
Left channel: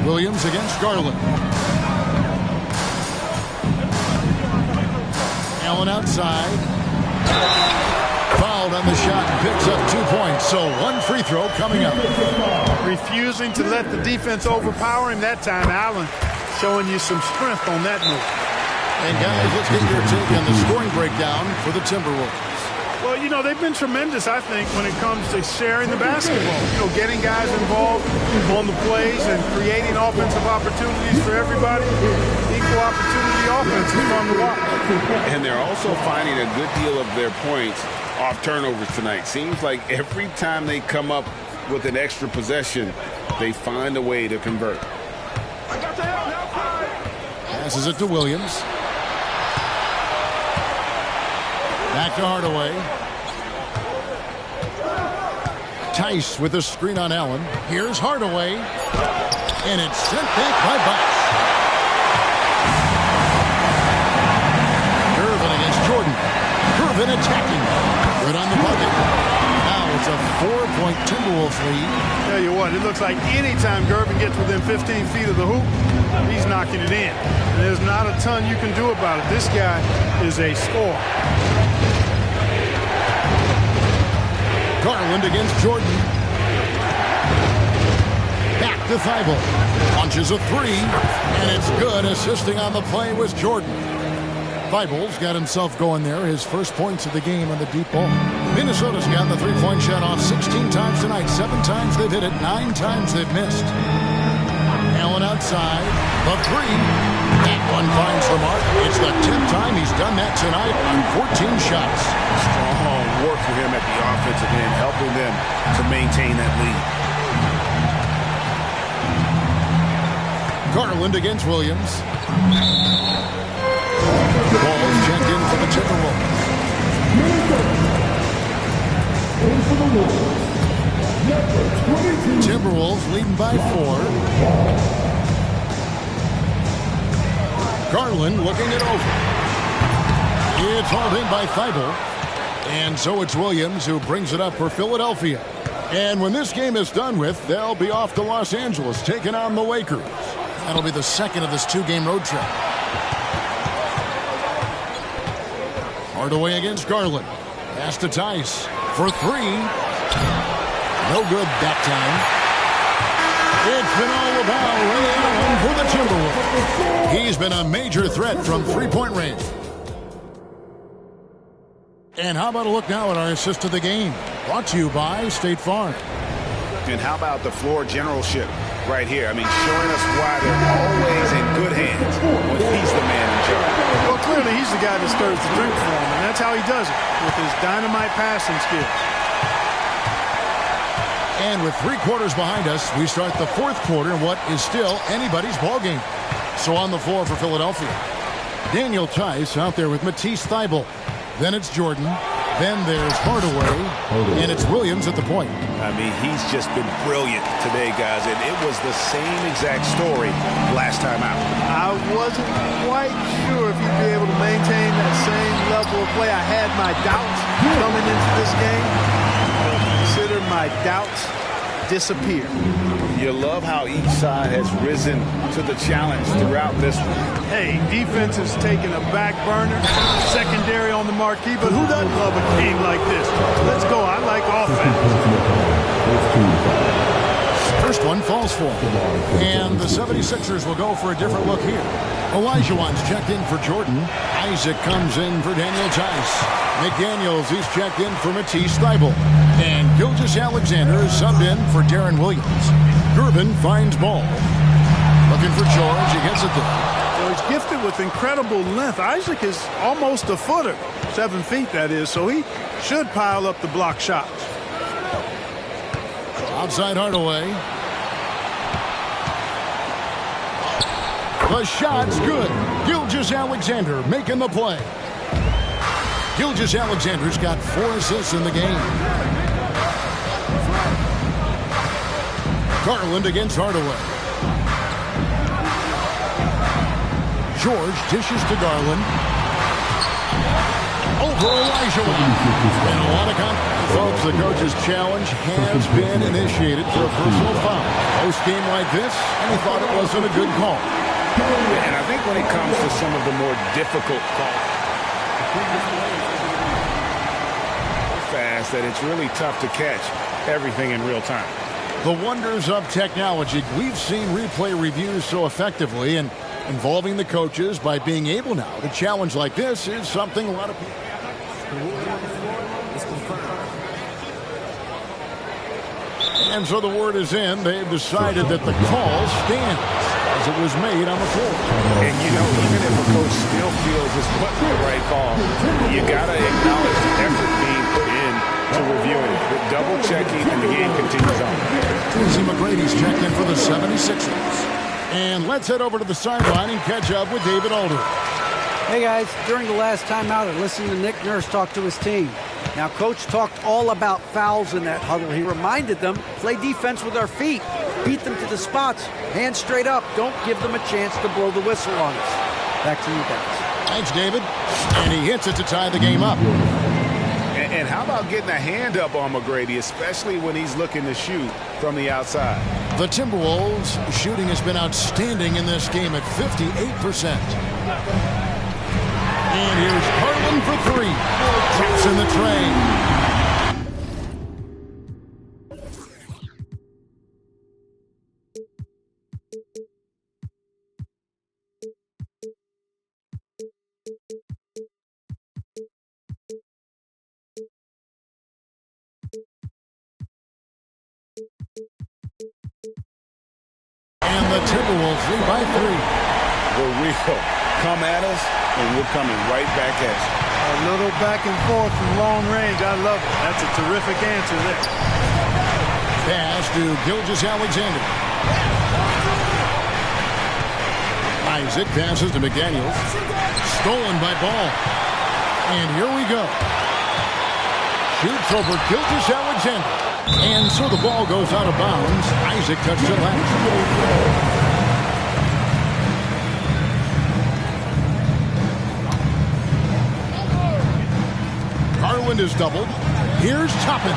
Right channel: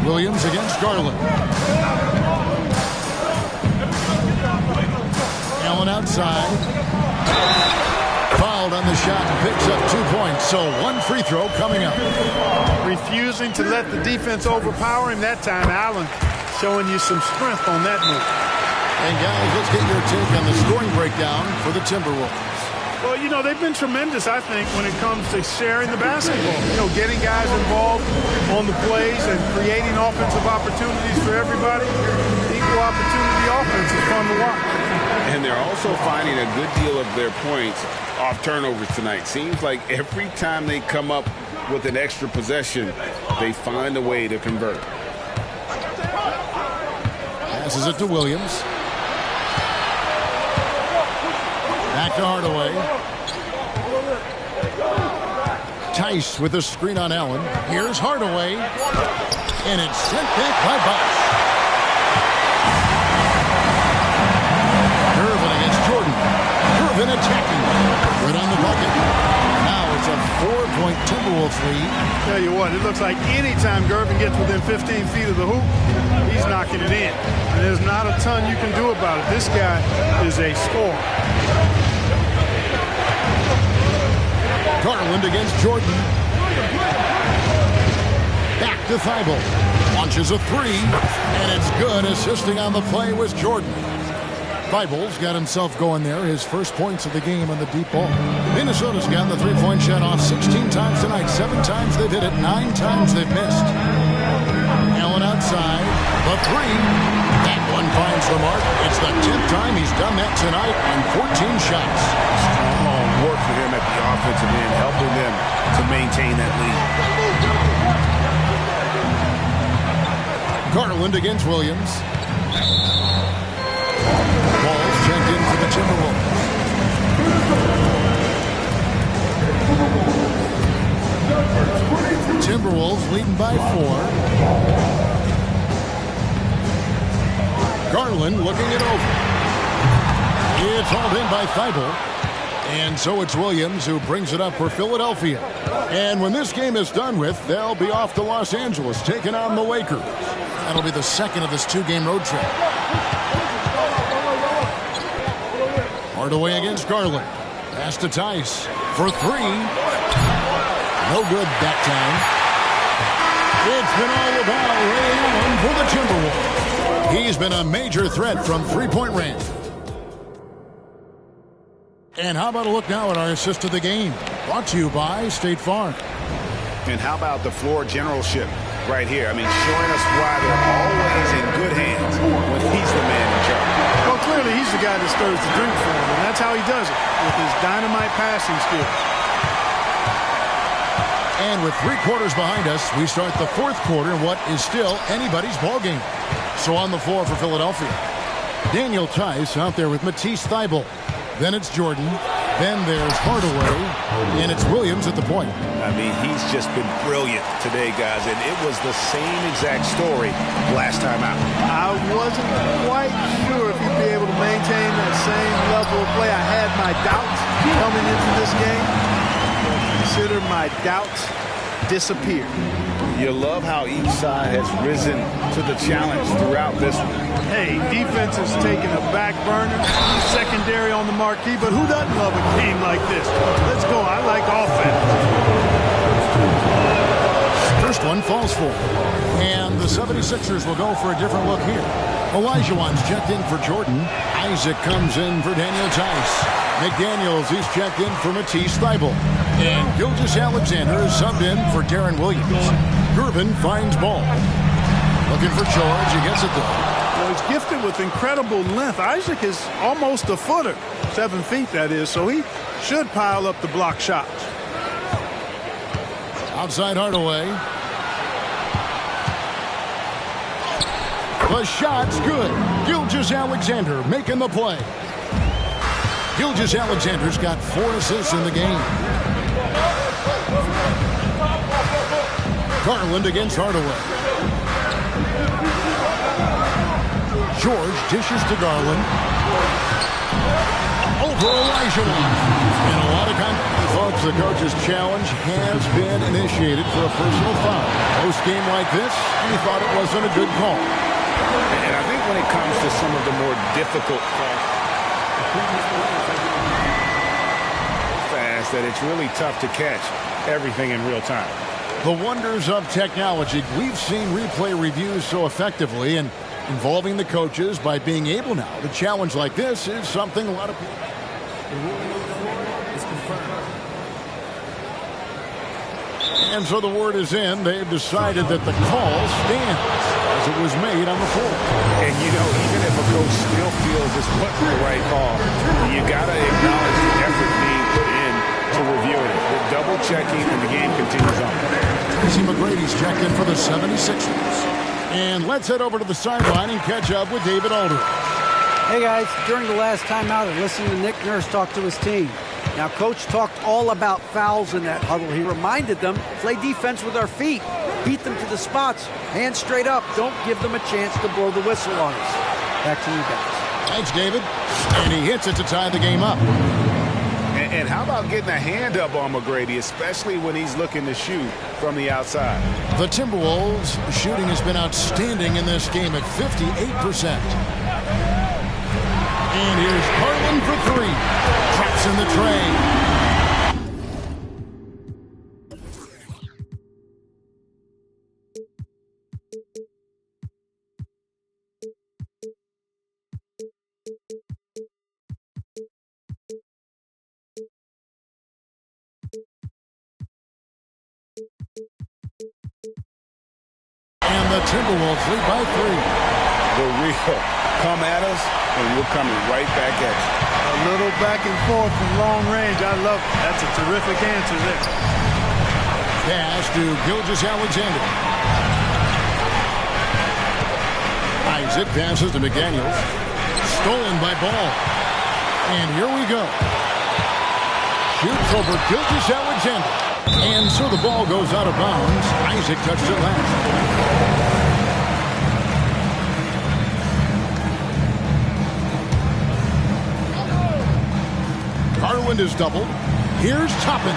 Williams against Garland. Allen outside. Fouled on the shot and picks up 2 points. So 1 free throw coming up. Refusing to let the defense overpower him that time. Allen showing you some strength on that move. And guys, let's get your take on the scoring breakdown for the Timberwolves. Well, you know, they've been tremendous, I think, when it comes to sharing the basketball. You know, getting guys involved on the plays and creating offensive opportunities for everybody. Equal opportunity offense is fun to watch. And they're also finding a good deal of their points off turnovers tonight. Seems like every time they come up with an extra possession, they find a way to convert. Passes it to Williams. Back to Hardaway. Tice with a screen on Allen. Here's Hardaway. And it's sent back by Bosch. Gervin against Jordan. Gervin attacking. Good on the bucket. Now it's a 4-point Timberwolves lead. Tell you what, it looks like anytime Gervin gets within 15 feet of the hoop, he's knocking it in. And there's not a ton you can do about it. This guy is a scorer. Garland against Jordan. Back to Thibault. Launches a 3, and it's good. Assisting on the play was Jordan. Thibault's got himself going there. His first points of the game on the deep ball. Minnesota's gotten the three-point shot off 16 times tonight. 7 times they've hit it. 9 times they've missed. Allen outside. The 3. That one finds the mark. It's the 10th time he's done that tonight on 14 shots. Strong work for him at the offensive end, helping them to maintain that lead. Garland against Williams. Ball's checked in for the Timberwolves. Timberwolves leading by 4. Garland looking it over. It's hauled in by Thibault. And so it's Williams who brings it up for Philadelphia. And when this game is done with, they'll be off to Los Angeles, taking on the Lakers. That'll be the second of this two-game road trip. Hardaway against Garland. Pass to Tice for three. No good that time. It's been all about Ray Allen for the Timberwolves. He's been a major threat from three-point range. And how about a look now at our assist of the game? Brought to you by State Farm. And how about the floor generalship right here? I mean, showing us why they're always in good hands when he's the man in charge. Well, clearly he's the guy that stirs the drink for him, and that's how he does it, with his dynamite passing skills. And with 3 quarters behind us, we start the fourth quarter in what is still anybody's ball game. So on the floor for Philadelphia, Daniel Tice out there with Matisse Thybulle. Then it's Jordan. Then there's Hardaway. And it's Williams at the point. I mean, he's just been brilliant today, guys. And it was the same exact story last time out. I wasn't quite sure if he'd be able to maintain that same level of play. I had my doubts coming into this game. But consider my doubts disappeared. You love how each side has risen to the challenge throughout this one. Hey, defense has taken a back burner, secondary on the marquee, but who doesn't love a game like this? Let's go. I like offense. First one falls for him. And the 76ers will go for a different look here. Olajuwon's checked in for Jordan. Isaac comes in for Daniel Tice. McDaniels, he's checked in for Matisse Thybulle. And Gilgeous-Alexander is subbed in for Darren Williams. Gervin finds ball. Looking for George. He gets it there. You know, he's gifted with incredible length. Isaac is almost a footer, 7 feet that is, so he should pile up the block shots. Outside Hardaway. The shot's good. Gilgeous-Alexander making the play. Gilgeous-Alexander's got 4 assists in the game. Garland against Hardaway. George dishes to Garland. Over Olajuwon. And a lot of folks, the coach's challenge has been initiated for a personal foul. Post game like this, and he thought it wasn't a good call. And I think when it comes to some of the more difficult calls, the previous players have been so fast that it's really tough to catch everything in real time. The wonders of technology. We've seen replay reviews so effectively, and involving the coaches by being able now to challenge like this is something a lot of people. The ruling on the floor is confirmed. And so the word is in. They've decided that the call stands as it was made on the floor. And, you know, even if a coach still feels this wasn't the right call, you got to acknowledge the effort being put in to reviewing it. The double checking, and the game continues on. Tracy McGrady's checked in for the 76ers. And let's head over to the sideline and catch up with David Aldridge. Hey guys, during the last timeout, I listened to Nick Nurse talk to his team. Now, Coach talked all about fouls in that huddle. He reminded them, play defense with our feet. Beat them to the spots. Hands straight up. Don't give them a chance to blow the whistle on us. Back to you guys. Thanks, David. And he hits it to tie the game up. And how about getting a hand up on McGrady, especially when he's looking to shoot from the outside? The Timberwolves' shooting has been outstanding in this game at 58%. And here's Garland for 3. Drops in the tray. And the Timberwolves lead by 3. The real come at us, and we're coming right back at you. A little back and forth from long range. I love it. That's a terrific answer there. Pass to Gilgeous-Alexander. Isaac passes to McDaniels. Stolen by Ball. And here we go. Shoots over Gilgeous-Alexander. And so the ball goes out of bounds. Isaac touched it last. Garland is doubled. Here's Toppin.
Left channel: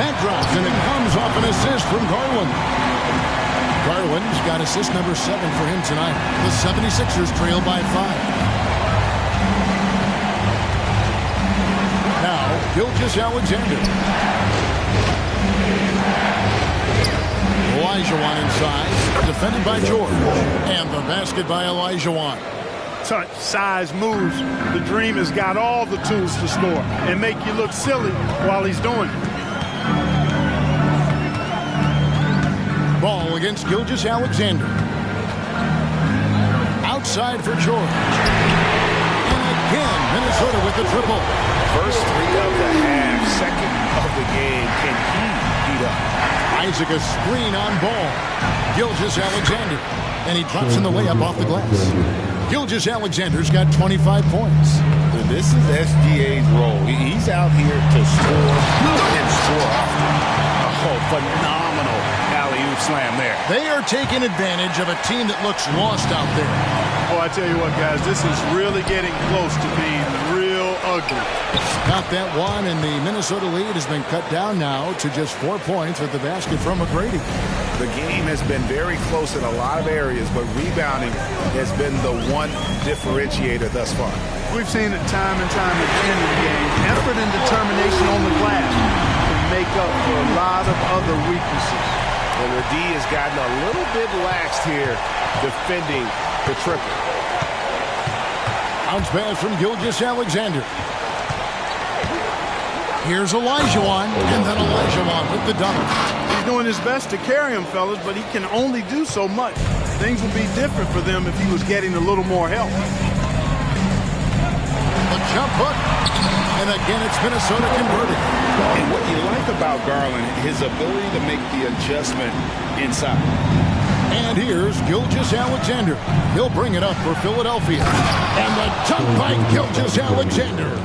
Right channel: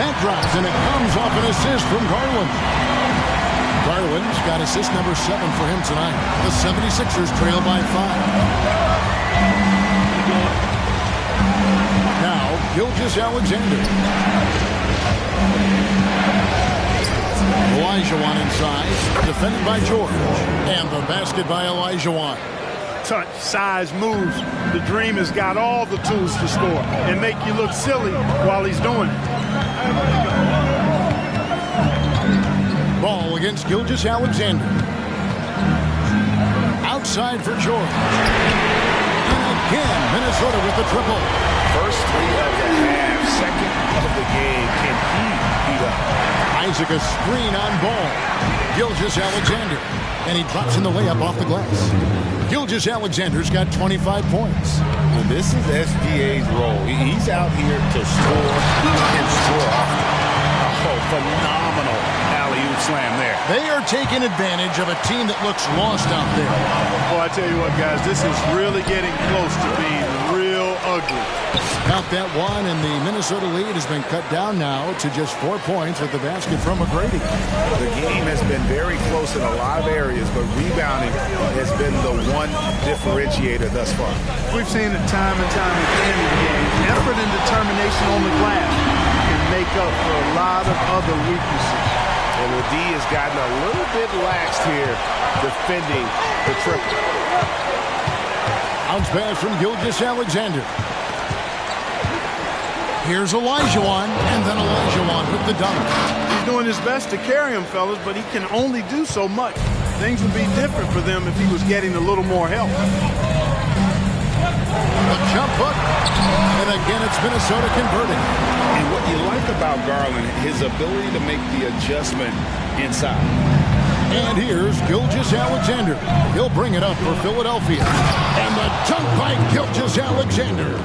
That drops, and it comes off an assist from Garland. Garland's got assist number 7 for him tonight. The 76ers trail by 5. Now, Gilgeous-Alexander. Olajuwon inside, defended by George. And the basket by Olajuwon. Touch, size, moves. The Dream has got all the tools to score and make you look silly while he's doing it. Ball against Gilgeous-Alexander. Outside for George. And again, Minnesota with the triple. First 3 of the half, second of the game. Can he heat up? Isaac a screen on Ball. Gilgeous-Alexander. And he drops in the layup off the glass. Gilgeous-Alexander's got 25 points. And this is SGA's role. He's out here to score and score often. Oh, phenomenal alley-oop slam there. They are taking advantage of a team that looks lost out there. Oh, I tell you what, guys, this is really getting close to being real ugly. Count that one, and the Minnesota lead has been cut down now to just 4 points at the basket from McGrady. The game has been very close in a lot of areas, but rebounding has been the one differentiator thus far. We've seen it time and time at the end of the game. Effort and determination on the glass can make up for a lot of other weaknesses. And the D has gotten a little bit laxed here defending the triple. Bounce pass from Gilgeous-Alexander. Here's Olajuwon, and then Olajuwon with the dunk. He's doing his best to carry him, fellas, but he can only do so much. Things would be different for them if he was getting a little more help. The jump hook, and again it's Minnesota converting. And what you like about Garland, his ability to make the adjustment inside. And here's Gilgeous-Alexander. He'll bring it up for Philadelphia. And the dunk by Gilgeous-Alexander.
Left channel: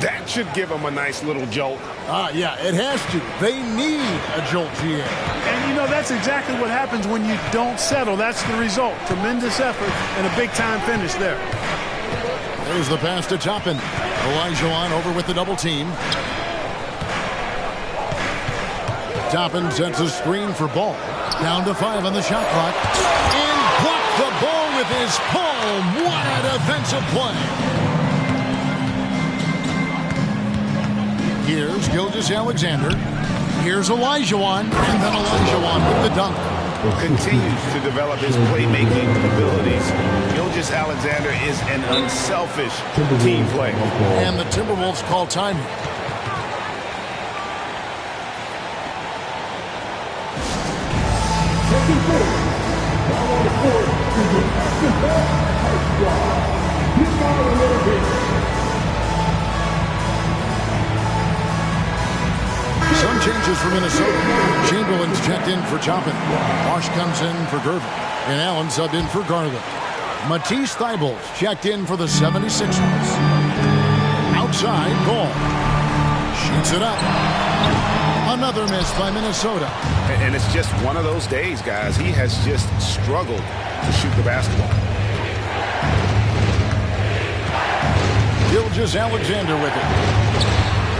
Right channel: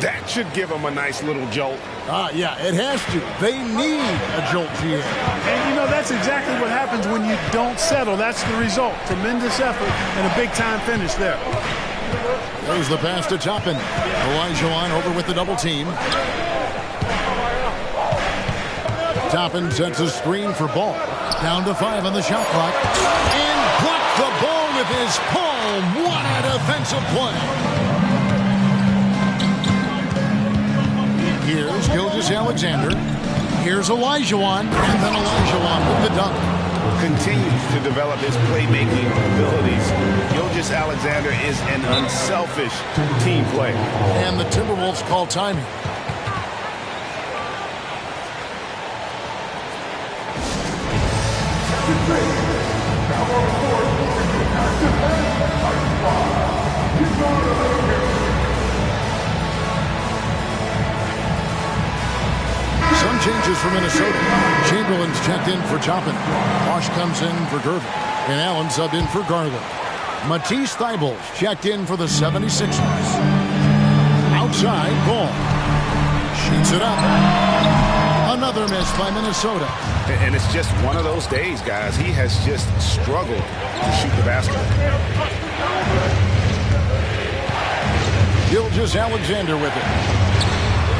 That should give him a nice little jolt. Yeah, it has to. They need a jolt, GM. And, you know, that's exactly what happens when you don't settle. That's the result. Tremendous effort and a big-time finish there. There's the pass to Toppin. Olajuwon over with the double team. Toppin sets a screen for Ball. Down to 5 on the shot clock. And blocked the ball with his palm. What a defensive play. Here's Gilgeous-Alexander. Here's Olajuwon. And then Olajuwon with the dunk. Continues to develop his playmaking abilities. Gilgeous-Alexander is an unselfish team player. And the Timberwolves call timing. Some changes for Minnesota. Chamberlain's checked in for Toppin. Bosch comes in for Gervin. And Allen subbed in for Garland. Matisse Thybulle's checked in for the 76ers. Outside, Ball. Shoots it up. Another miss by Minnesota. And it's just one of those days, guys. He has just struggled to shoot the basketball. Gilgeous-Alexander with it.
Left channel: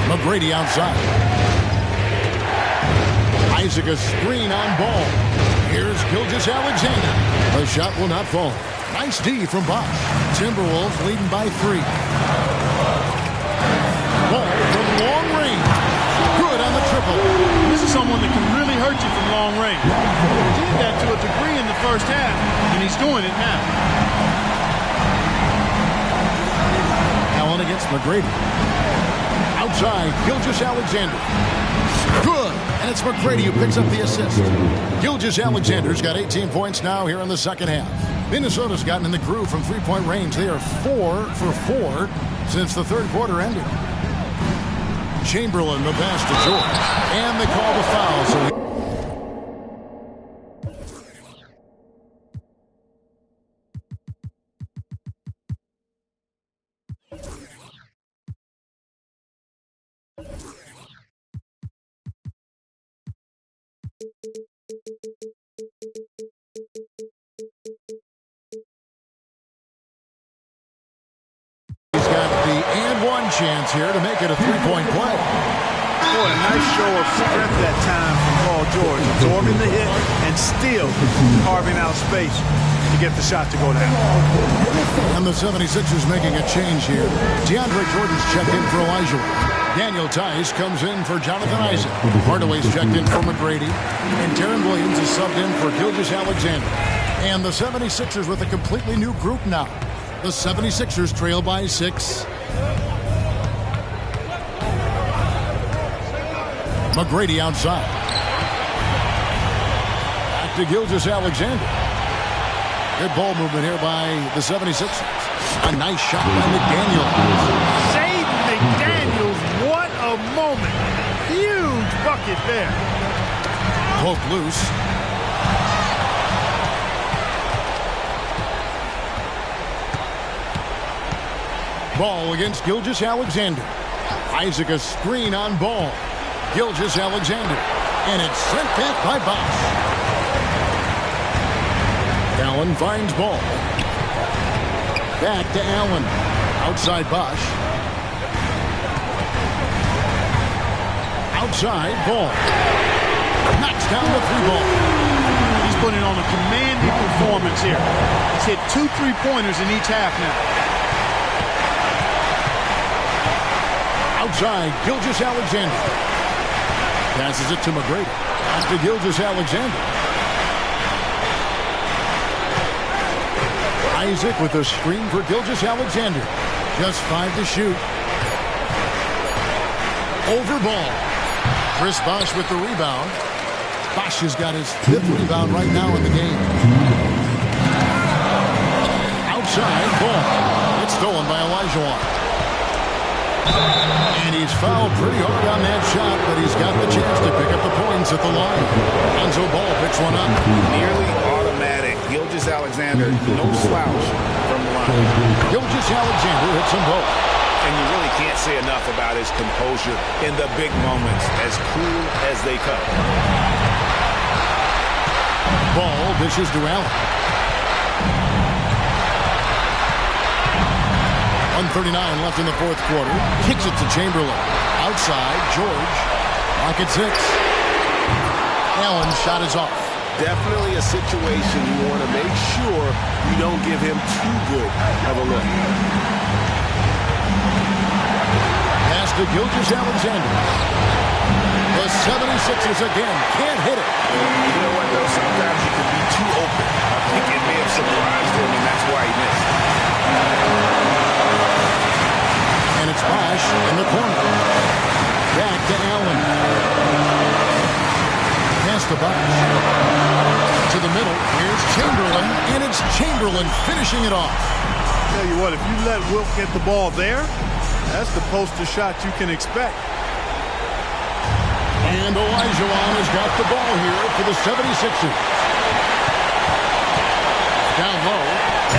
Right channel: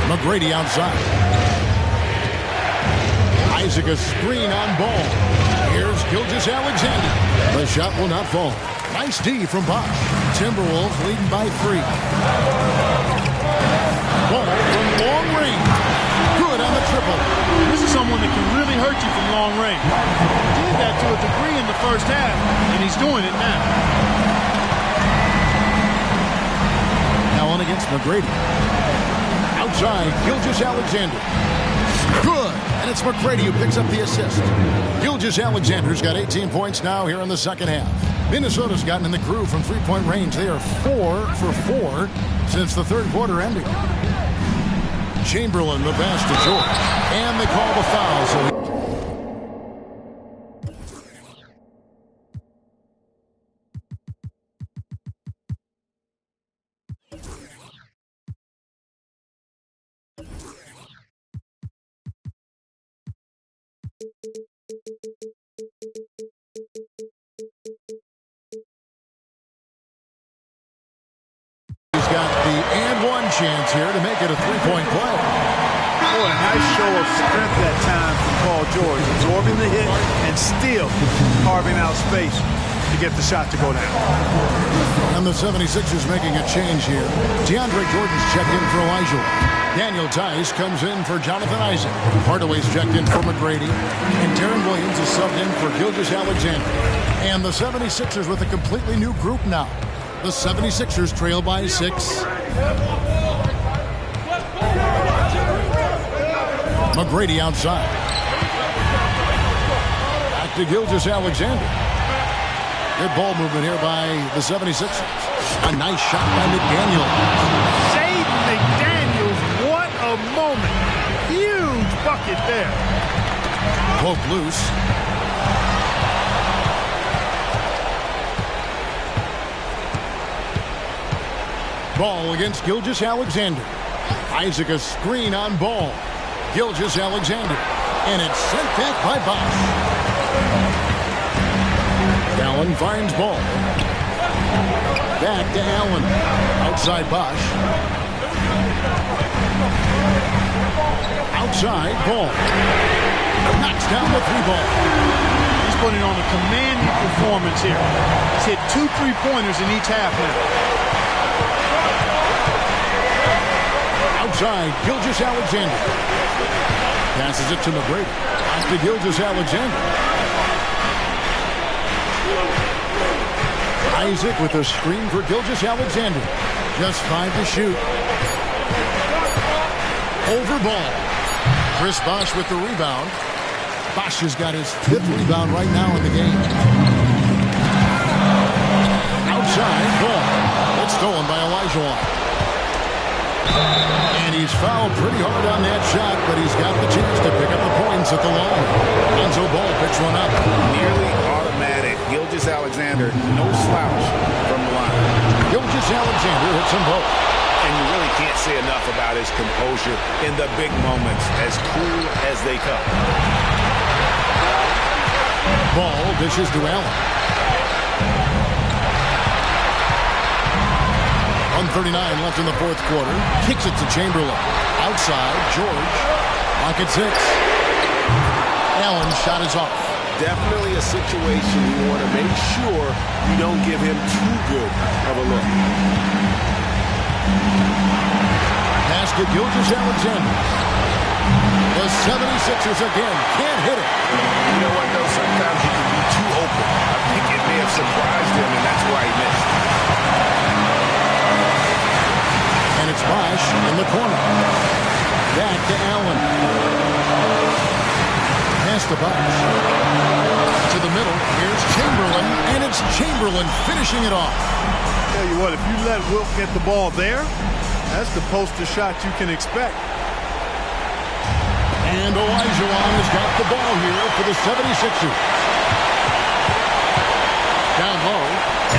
McGrady outside. Isaac a screen on Ball. Here's Gilgeous-Alexander. The shot will not fall. Nice D from Bosch. Timberwolves leading by 3. Ball from long range. Good on the triple. This is someone that can really hurt you from long range. He did that to a degree in the first half, and he's doing it now. Allen against McGrady. Outside, Gilgeous-Alexander. Good. And it's McGrady who picks up the assist. Gilgeous-Alexander's got 18 points now here in the second half. Minnesota's gotten in the groove from three-point range. They are 4 for 4 since the third quarter ended. Chamberlain the pass to George. And they call the foul, so he's got the And one chance here to make it a three-point play. Boy, a nice show of strength that time from Paul George, absorbing the hit and still carving out space to get the shot to go down. And the 76ers making a change here. DeAndre Jordan's checked in for Elijah. Daniel Tice comes in for Jonathan Isaac. Hardaway's checked in for McGrady. And Darren Williams is subbed in for Gilgeous-Alexander. And the 76ers with a completely new group now. The 76ers trail by 6. McGrady outside. Back to Gilgeous-Alexander. Good ball movement here by the 76ers. A nice shot by McDaniels. Jaden McDaniels, what a moment. Huge bucket there. Poke loose. Ball against Gilgeous-Alexander. Isaac a screen on Ball. Gilgeous-Alexander. And it's sent back by Bosch. Allen finds Ball. Back to Allen. Outside Bosch. Outside Ball. Knocks down the 3-ball. He's putting on a commanding performance here. He's hit 2 3-pointers in each half now. Outside Gilgeous-Alexander. Passes it to McGrady. Back to Gilgeous-Alexander. Isaac with a screen for Gilgeous-Alexander. Just 5 to shoot. Over Ball. Chris Bosch with the rebound. Bosch has got his 5th rebound right now in the game. Outside Ball. It's stolen by Elijah. And he's fouled pretty hard on that shot, but he's got the chance to pick up the points at the line. Lonzo Ball picks one up. Nearly automatic. Gilgeous-Alexander, no slouch from the line. Gilgeous-Alexander hits them both. And you really can't say enough about his composure in the big moments, as cool as they come. Ball dishes to Allen. 1:39 left in the 4th quarter. Kicks it to Chamberlain. Outside, George. Lock at 6. Allen's shot is off. Definitely a situation you want to make sure you don't give him too good of a look. Pass to Gilgeous-Alexander. The 76ers again can't hit it. You know what, though? Sometimes you can be too open. I think it may have surprised him, and that's why he missed. And it's Bosch in the corner. Back to Allen. Pass to Bosch. To the middle. Here's Chamberlain. And it's Chamberlain finishing it off. Tell you what, if you let Wilt get the ball there, that's the poster shot you can expect. And Olajuwon has got the ball here for the 76ers. Down low.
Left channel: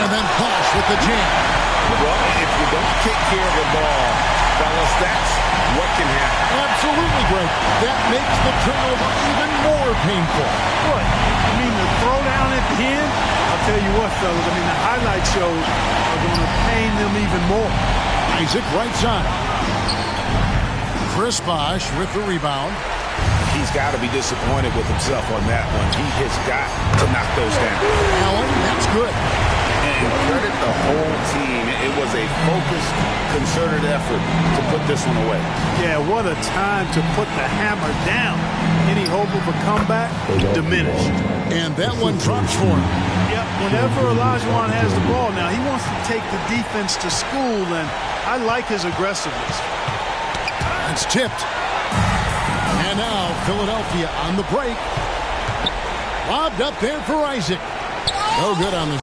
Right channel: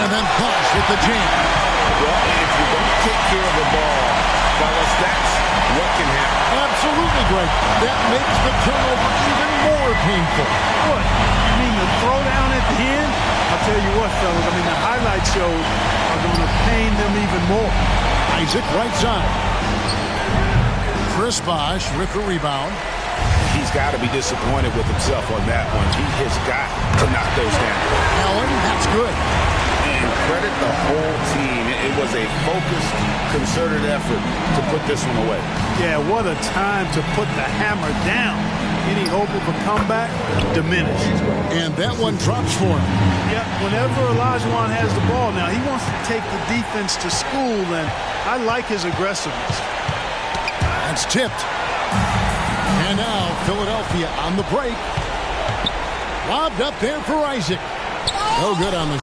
And then Bosch with the jam. Well, if you don't take care of the ball, fellas, that's what can happen. Absolutely, Greg. That makes the turnover even more painful. What? You mean the throwdown at the end? I'll tell you what, fellas. I mean, the highlight shows are going to pain them even more. Isaac right side. Chris Bosch with the rebound. He's got to be disappointed with himself on that one. He has got to knock those down. Allen, that's good. And credit the whole team. It was a focused, concerted effort to put this one away. Yeah, what a time to put the hammer down. Any hope of a comeback? Diminished. And that one drops for him. Yeah, whenever Olajuwon has the ball now, he wants to take the defense to school, and I like his aggressiveness. That's tipped. And now Philadelphia on the break. Lobbed up there for Isaac. No good on the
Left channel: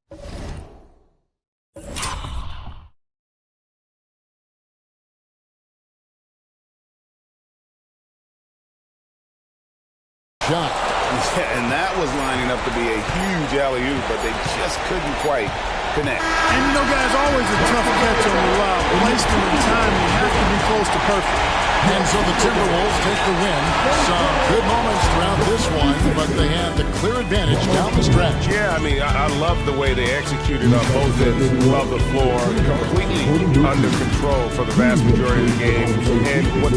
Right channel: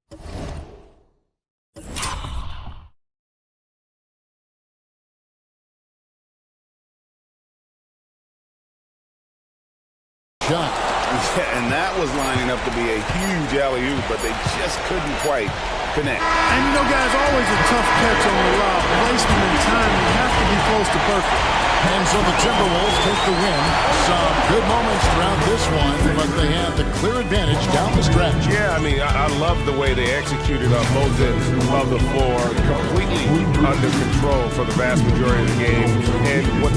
shot. Yeah, and that was lining up to be a huge alley-oop, but they just couldn't quite connect. And, you know, guys, always a tough catch on the lob. Placement and timing have to be close to perfect. And so the Timberwolves take the win. Some good moments throughout this one, but they have the clear advantage down the stretch. Yeah, I mean, I love the way they executed on both ends of the floor, completely under control for the vast majority of the game. And what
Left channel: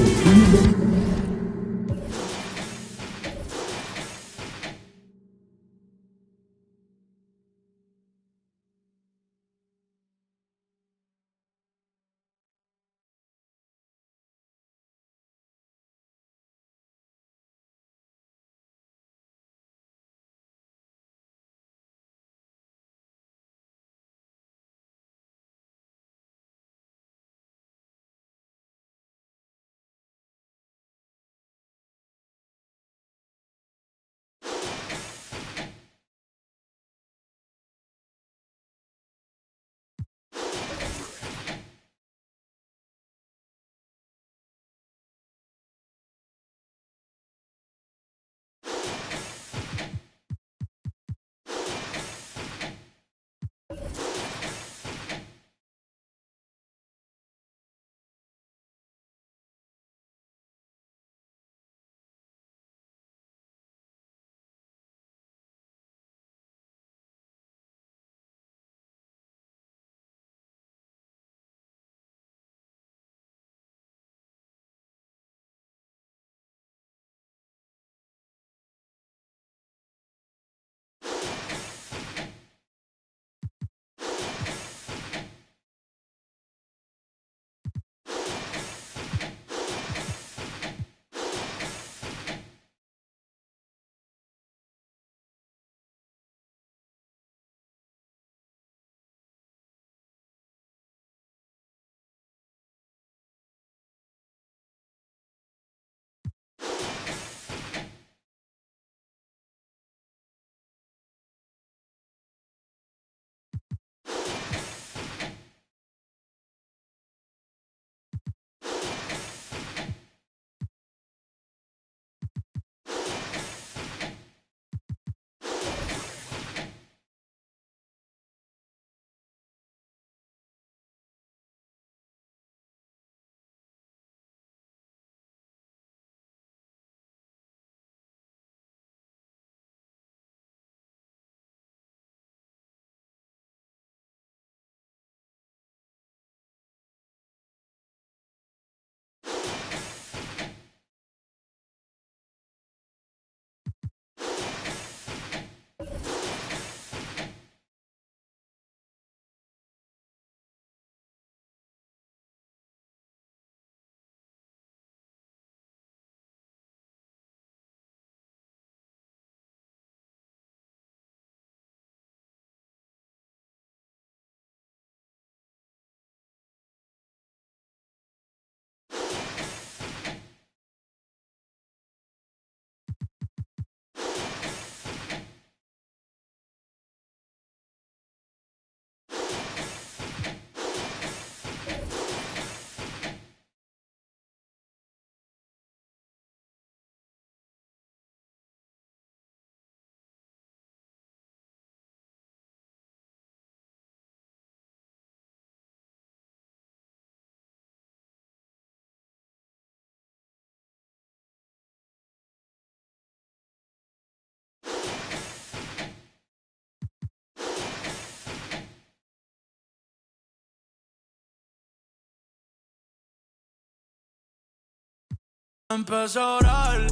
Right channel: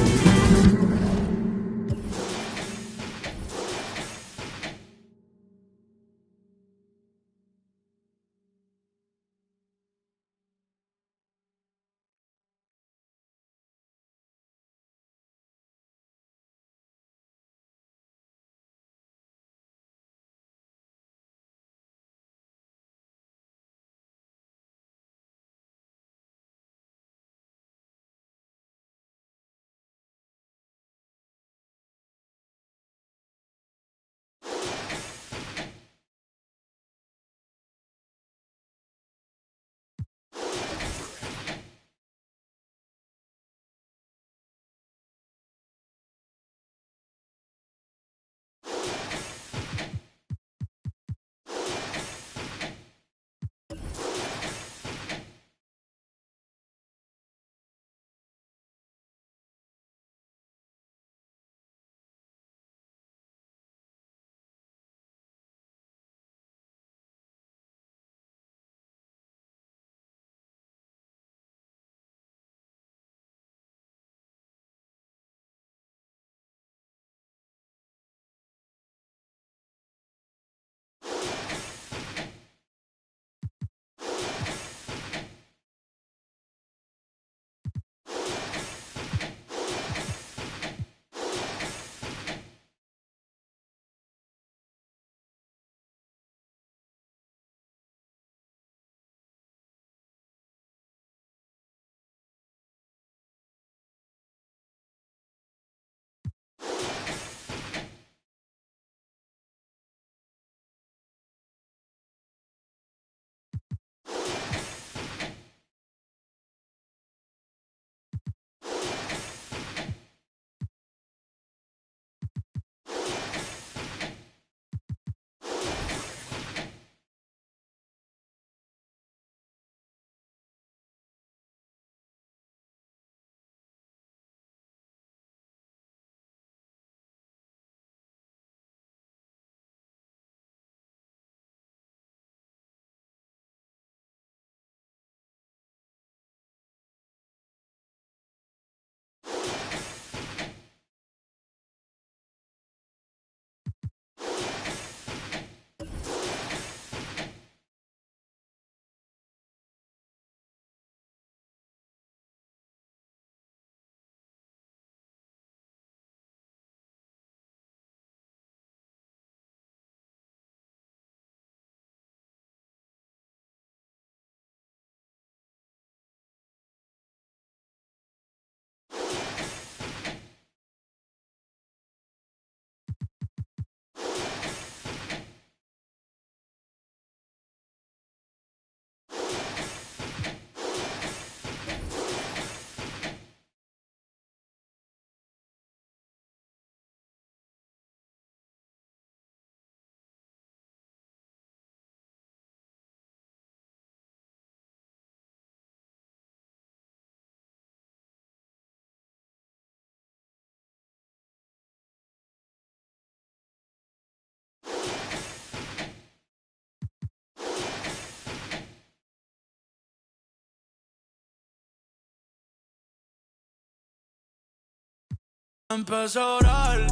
empezó a orar.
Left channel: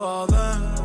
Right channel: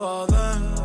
Joder.